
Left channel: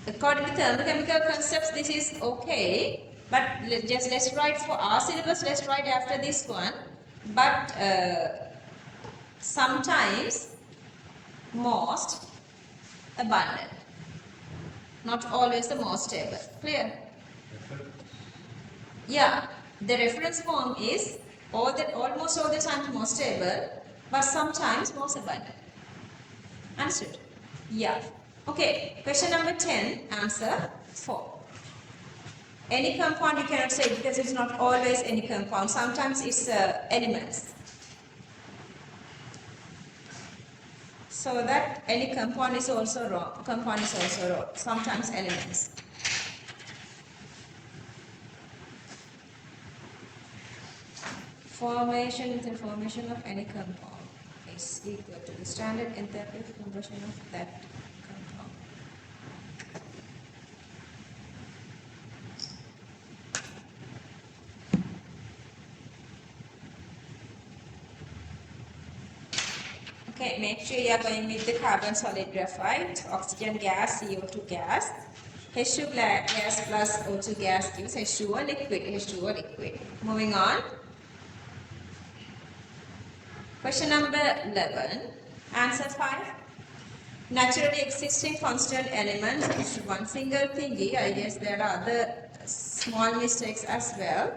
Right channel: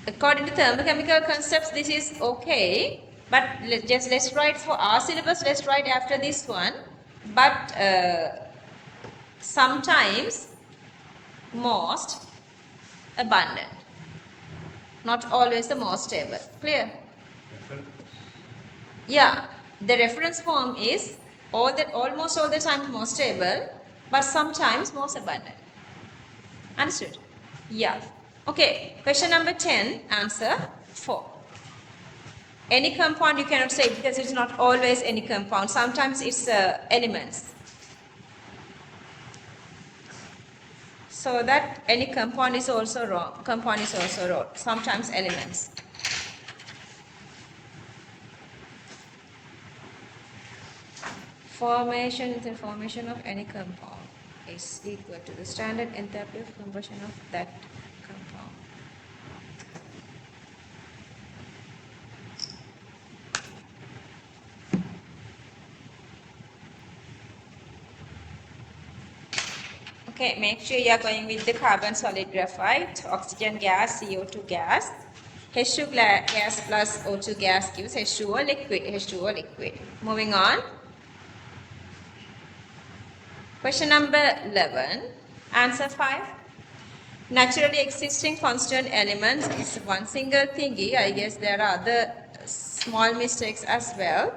according to thermochemical concepts, this is okay. But let's write for our syllabus. Let's write after this one. But sometimes most abundant, not always the most stable. Clear? Yeah. The reference form is almost all the time most stable, but sometimes most abundant. Understood? Yeah. Okay. Question number 10, answer 4. Any compound you cannot say because it's not always any compound. Sometimes it's elements. So that any compound is also wrong. Compound is also wrong. Sometimes elements. The formation of any compound is equal to the standard enthalpy of combustion of that compound. Okay, make sure you are going with the carbon solid graphite, oxygen gas, CO2 gas. H2 gas plus O2 gas gives H2O liquid. Moving on. Question number 11, answer 5. Naturally existing constant elements is one single thingy. I guess there are other small mistakes as well.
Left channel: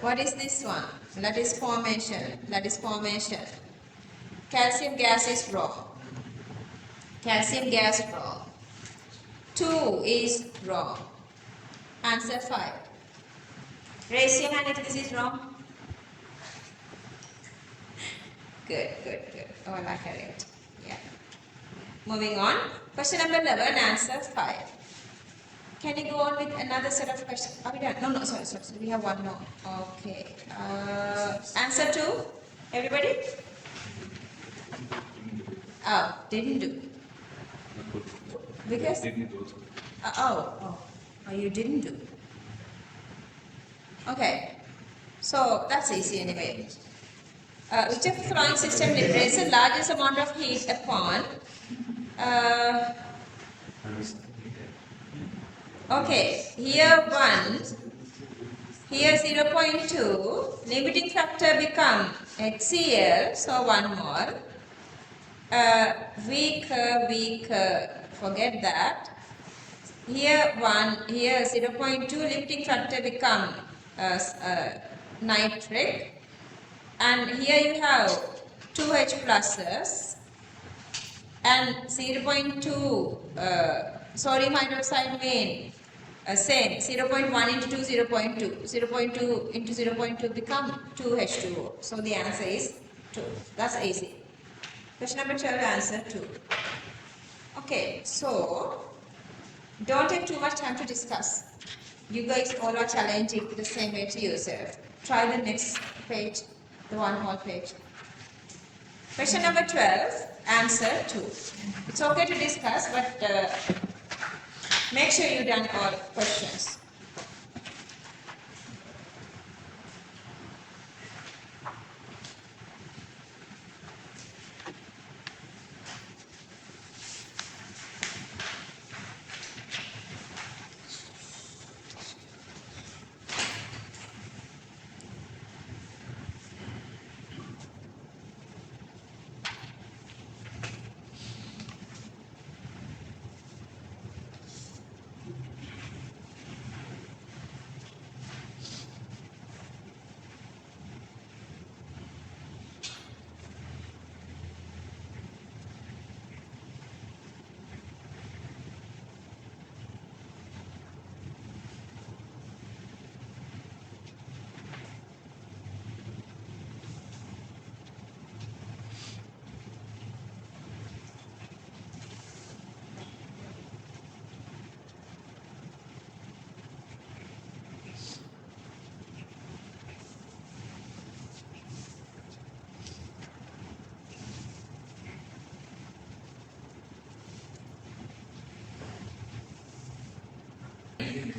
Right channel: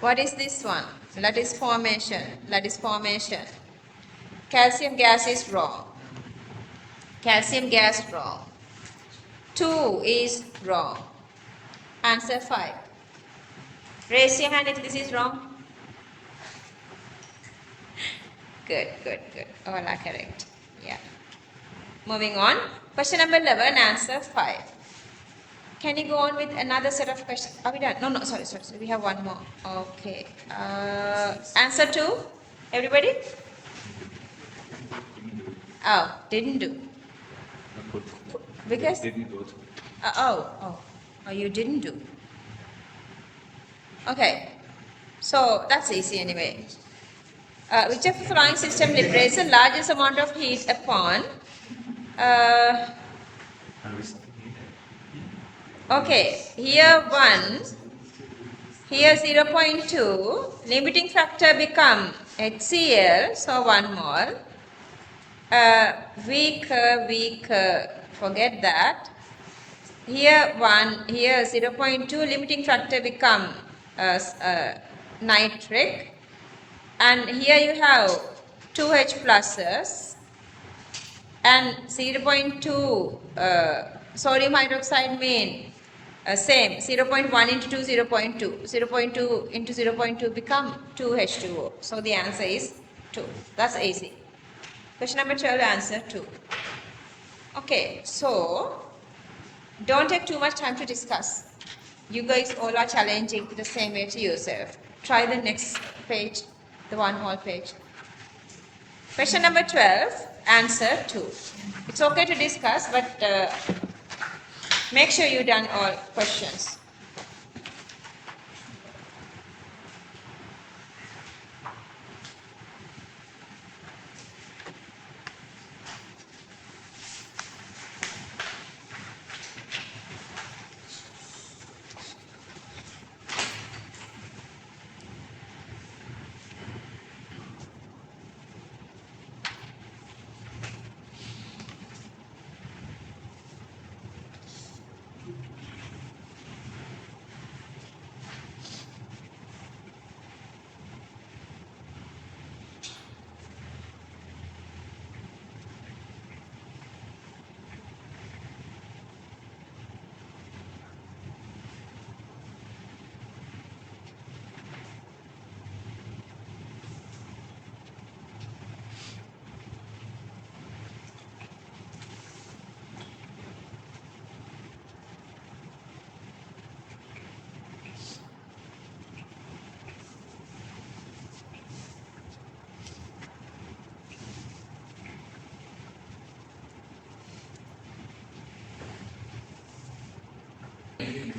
What is this one? That is formation. Calcium gas is wrong. Calcium gas wrong. 2 is wrong. Answer 5. Raise your hand if this is wrong. Good. All are correct. Yeah. Moving on. Question number 11, answer 5. Can you go on with another set of questions? Are we done? No, sorry. We have one more. Okay. Answer 2. Everybody? Oh, didn't do. Because? You didn't do. Okay. So, that's easy anyway. Which of the following system liberates the largest amount of heat upon? Okay, here 1, here 0.2, limiting factor become HCl, so 1 mole. Weaker, forget that. Here 1, here 0.2, limiting factor become nitric. And here you have 2H pluses and 0.2 sodium hydroxide mean same 0.1 into 2 0.2 0.2 into 0.2 become 2H2O. So the answer is 2. That's easy. Question number 12, answer 2. Okay, so don't take too much time to discuss. You guys all are challenging the same way to yourself. Try the next page. The one whole page. Question number 12, answer 2. It's okay to discuss, but make sure you've done all questions.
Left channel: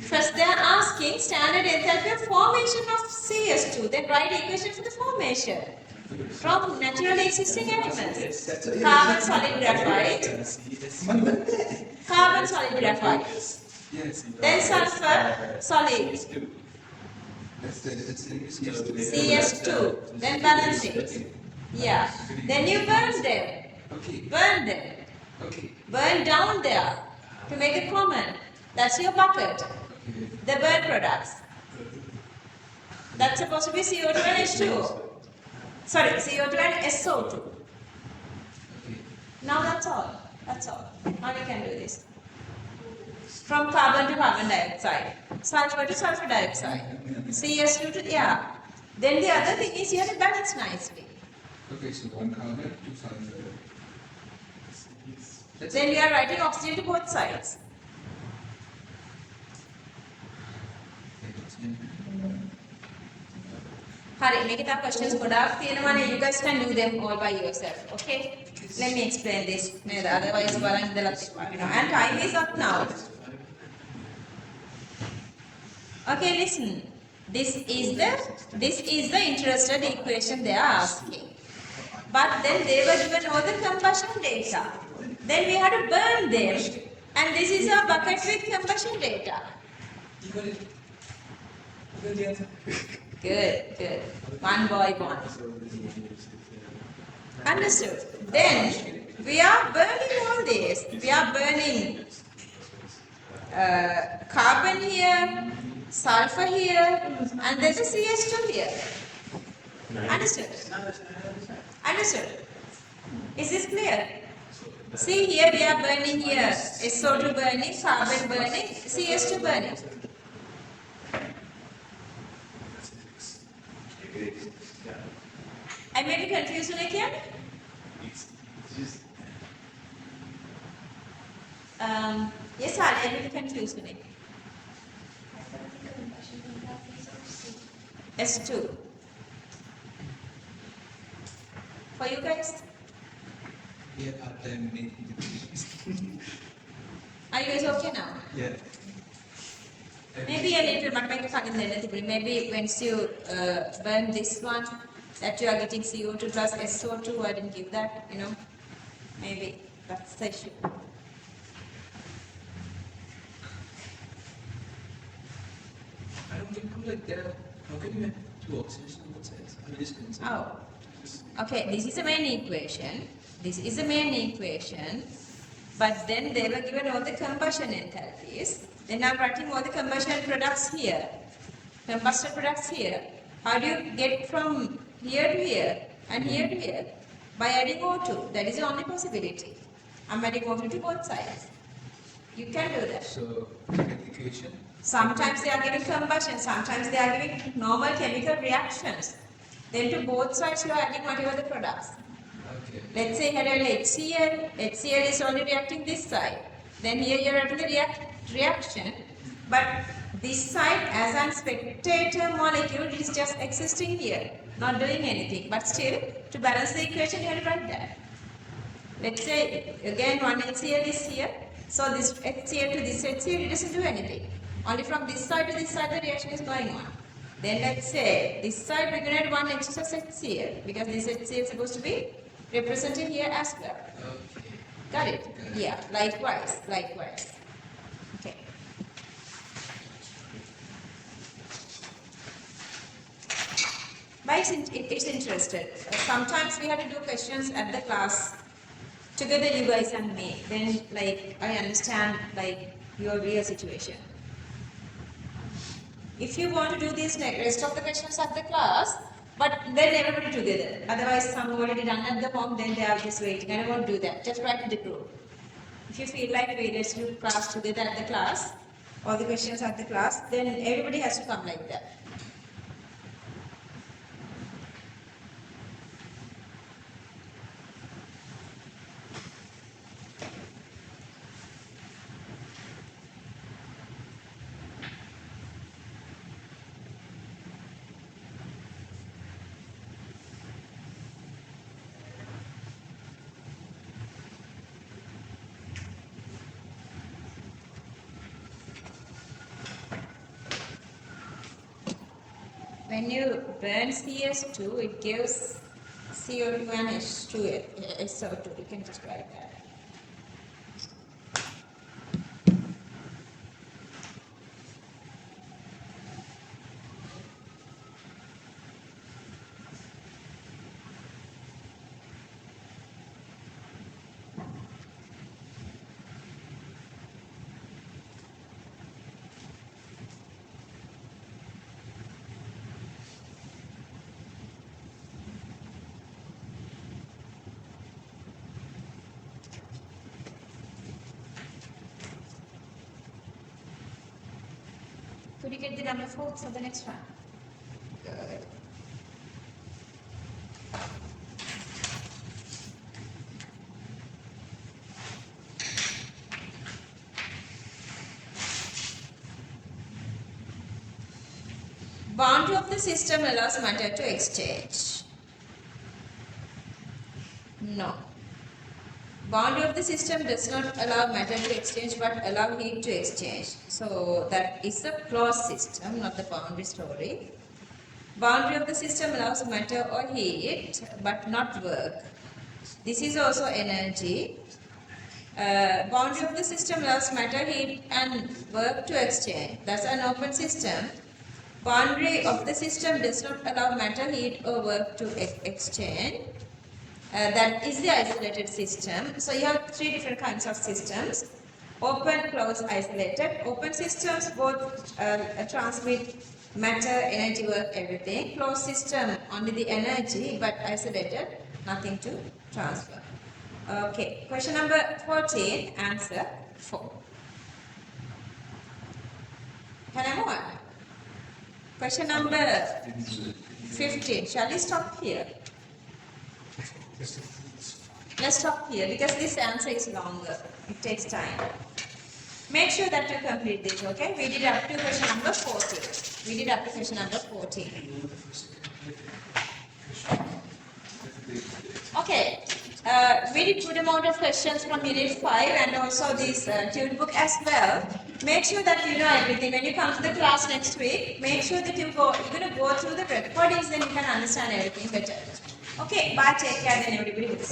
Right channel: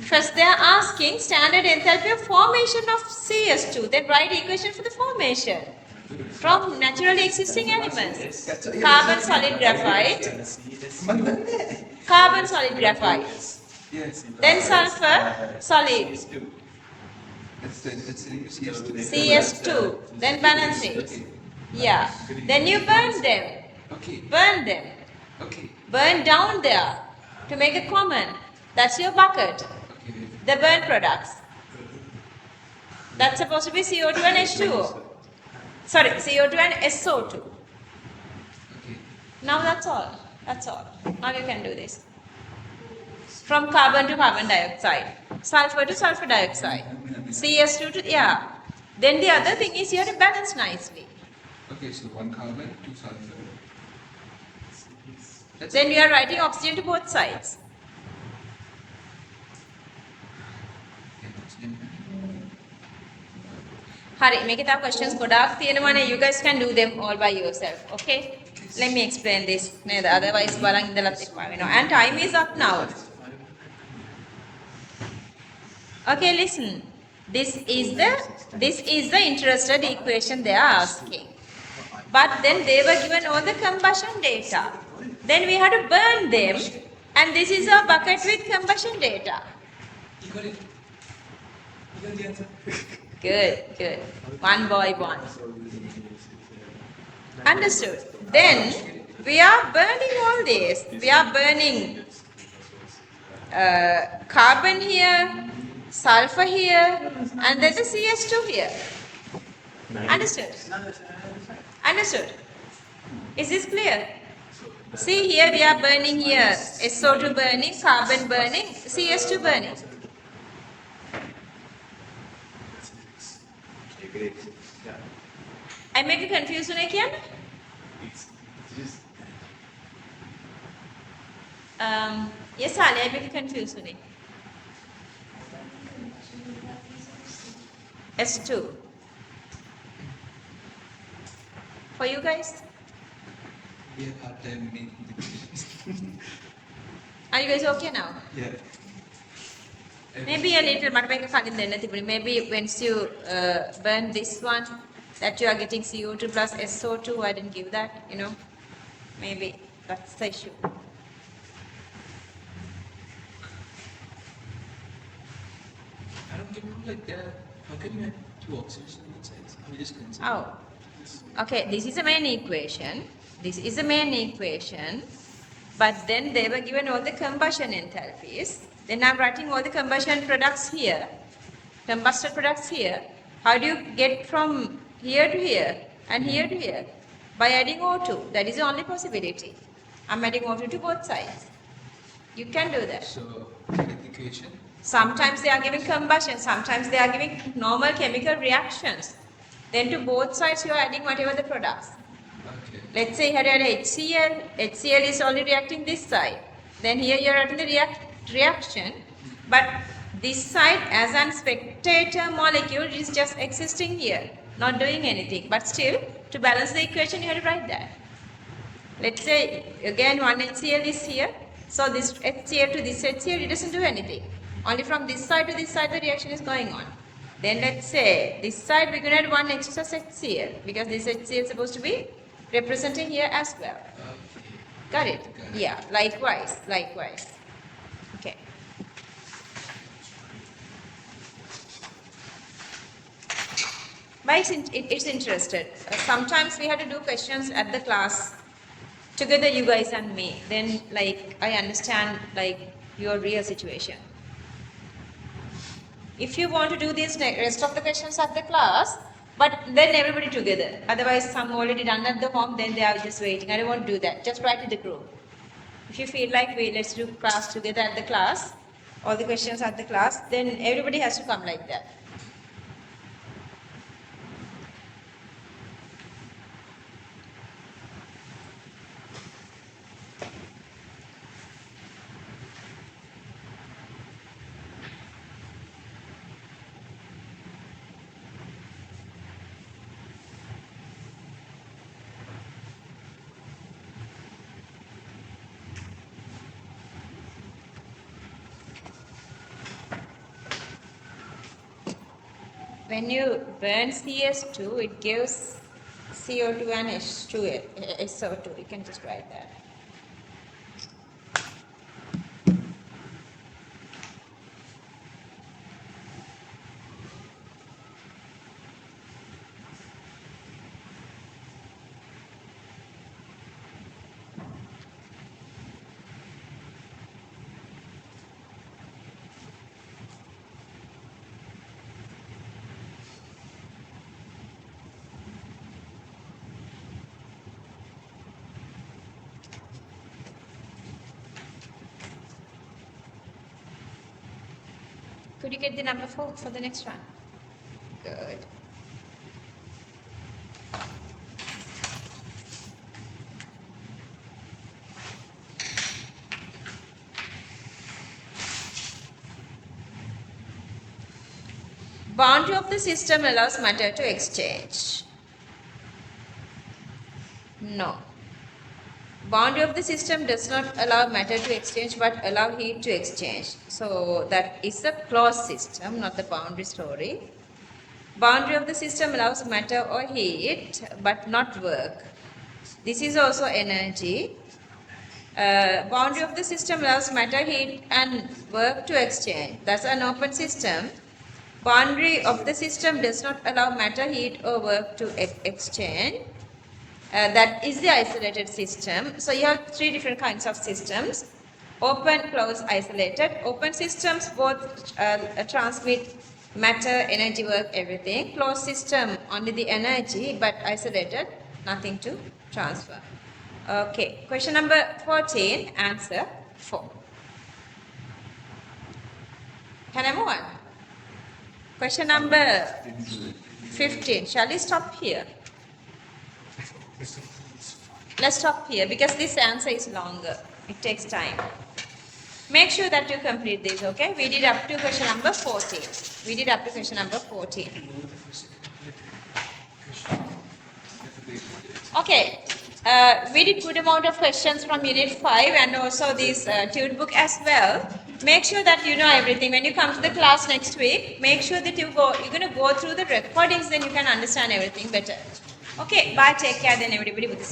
First they are asking standard enthalpy of formation of CS2. Then write equation for the formation from naturally existing elements. Carbon solid graphite, carbon solid graphite, then sulfur solid, CS2, then balance it. Yeah. Then you burn them. Burn them. Burn down there to make a common. That's your bucket. The burn products. That's supposed to be CO2 and H2O. Sorry, CO2 and SO2. Now that's all. That's all. Now you can do this. From carbon to carbon dioxide. Sulfur to sulfur dioxide. CS2 to, yeah. Then the other thing is you have to balance nicely. Okay, so 1 carbon, 2 sulfur. Then you are writing oxygen to both sides. Hari, make it up questions. You guys can do them all by yourself. Okay? Let me explain this. Otherwise, and time is up now. Okay, listen. This is the interested equation they are asking. But then they were given all the combustion data. Then we had to burn them, and this is a bucket with combustion data. You got it. You got the answer. Good, good. One boy, one. Understood. Then we are burning all this. We are burning carbon here, sulfur here, and there's a CS2 here. Understood? Understood? Is this clear? See, here we are burning here. SO2 burning, carbon burning, CS2 burning. I make you confused again? Yes, Ali, I make you confused. S2. For you guys? We have hard time making decisions. Are you guys okay now? Yeah. Maybe a little, but maybe once you burn this one, that you are getting CO2 plus SO2, I didn't give that, you know. Maybe that's the issue. I don't get how like that. How can you have 2 oxygens on both sides? How just concept? Oh, okay, this is the main equation. This is the main equation. But then they were given all the combustion enthalpies. Then I'm writing all the combustion products here. Combusted products here. How do you get from here to here and here to here? By adding O2. That is the only possibility. I'm adding O2 to both sides. You can do that. So, second equation. Sometimes they are giving combustion, sometimes they are giving normal chemical reactions. Then to both sides you are adding whatever the products. Okay. Let's say here you have HCl. HCl is only reacting this side. Then here you are adding the reaction. But this side as a spectator molecule is just existing here, not doing anything. But still, to balance the equation you have to write that. Let's say again one HCl is here. So this HCl to this HCl, it doesn't do anything. Only from this side to this side the reaction is going on. Then let's say this side we're going to add one extra HCl because this HCl is supposed to be representing here as well. Okay. Got it? Yeah, likewise. Okay. But it's interested. Sometimes we have to do questions at the class together, you guys and me. Then like I understand like your real situation. If you want to do this rest of the questions at the class, but then everybody together. Otherwise, some already done at the home, then they are just waiting. I don't want to do that. Just write to the group. If you feel like let's do class together at the class, all the questions at the class, then everybody has to come like that. when you burn CS2, it gives CO2 and H2, SO2. You can just write that. Could you get the number 4 for the next one? Good. Boundary of the system allows matter to exchange. No. Boundary of the system does not allow matter to exchange but allow heat to exchange. So that is a closed system, not the boundary story. Boundary of the system allows matter or heat but not work. This is also energy. Boundary of the system allows matter, heat and work to exchange. That's an open system. Boundary of the system does not allow matter, heat or work to exchange. That is the isolated system. So you have 3 different kinds of systems: open, closed, isolated. Open systems both transmit matter, energy, work, everything. Closed system only the energy, but isolated, nothing to transfer. Okay, question number 14, answer 4. Can I move on? Question number 15. Shall we stop here? Let's stop here because this answer is longer. It takes time. Make sure that you complete this, okay? We did up to question number 14. We did up to question number 14. Okay. We did good amount of questions from Unit 5 and also this tune book as well. Make sure that you know everything. When you come to the class next week, make sure that you're going to go through the recordings, then you can understand everything better. Okay, bye, take care, then everybody with the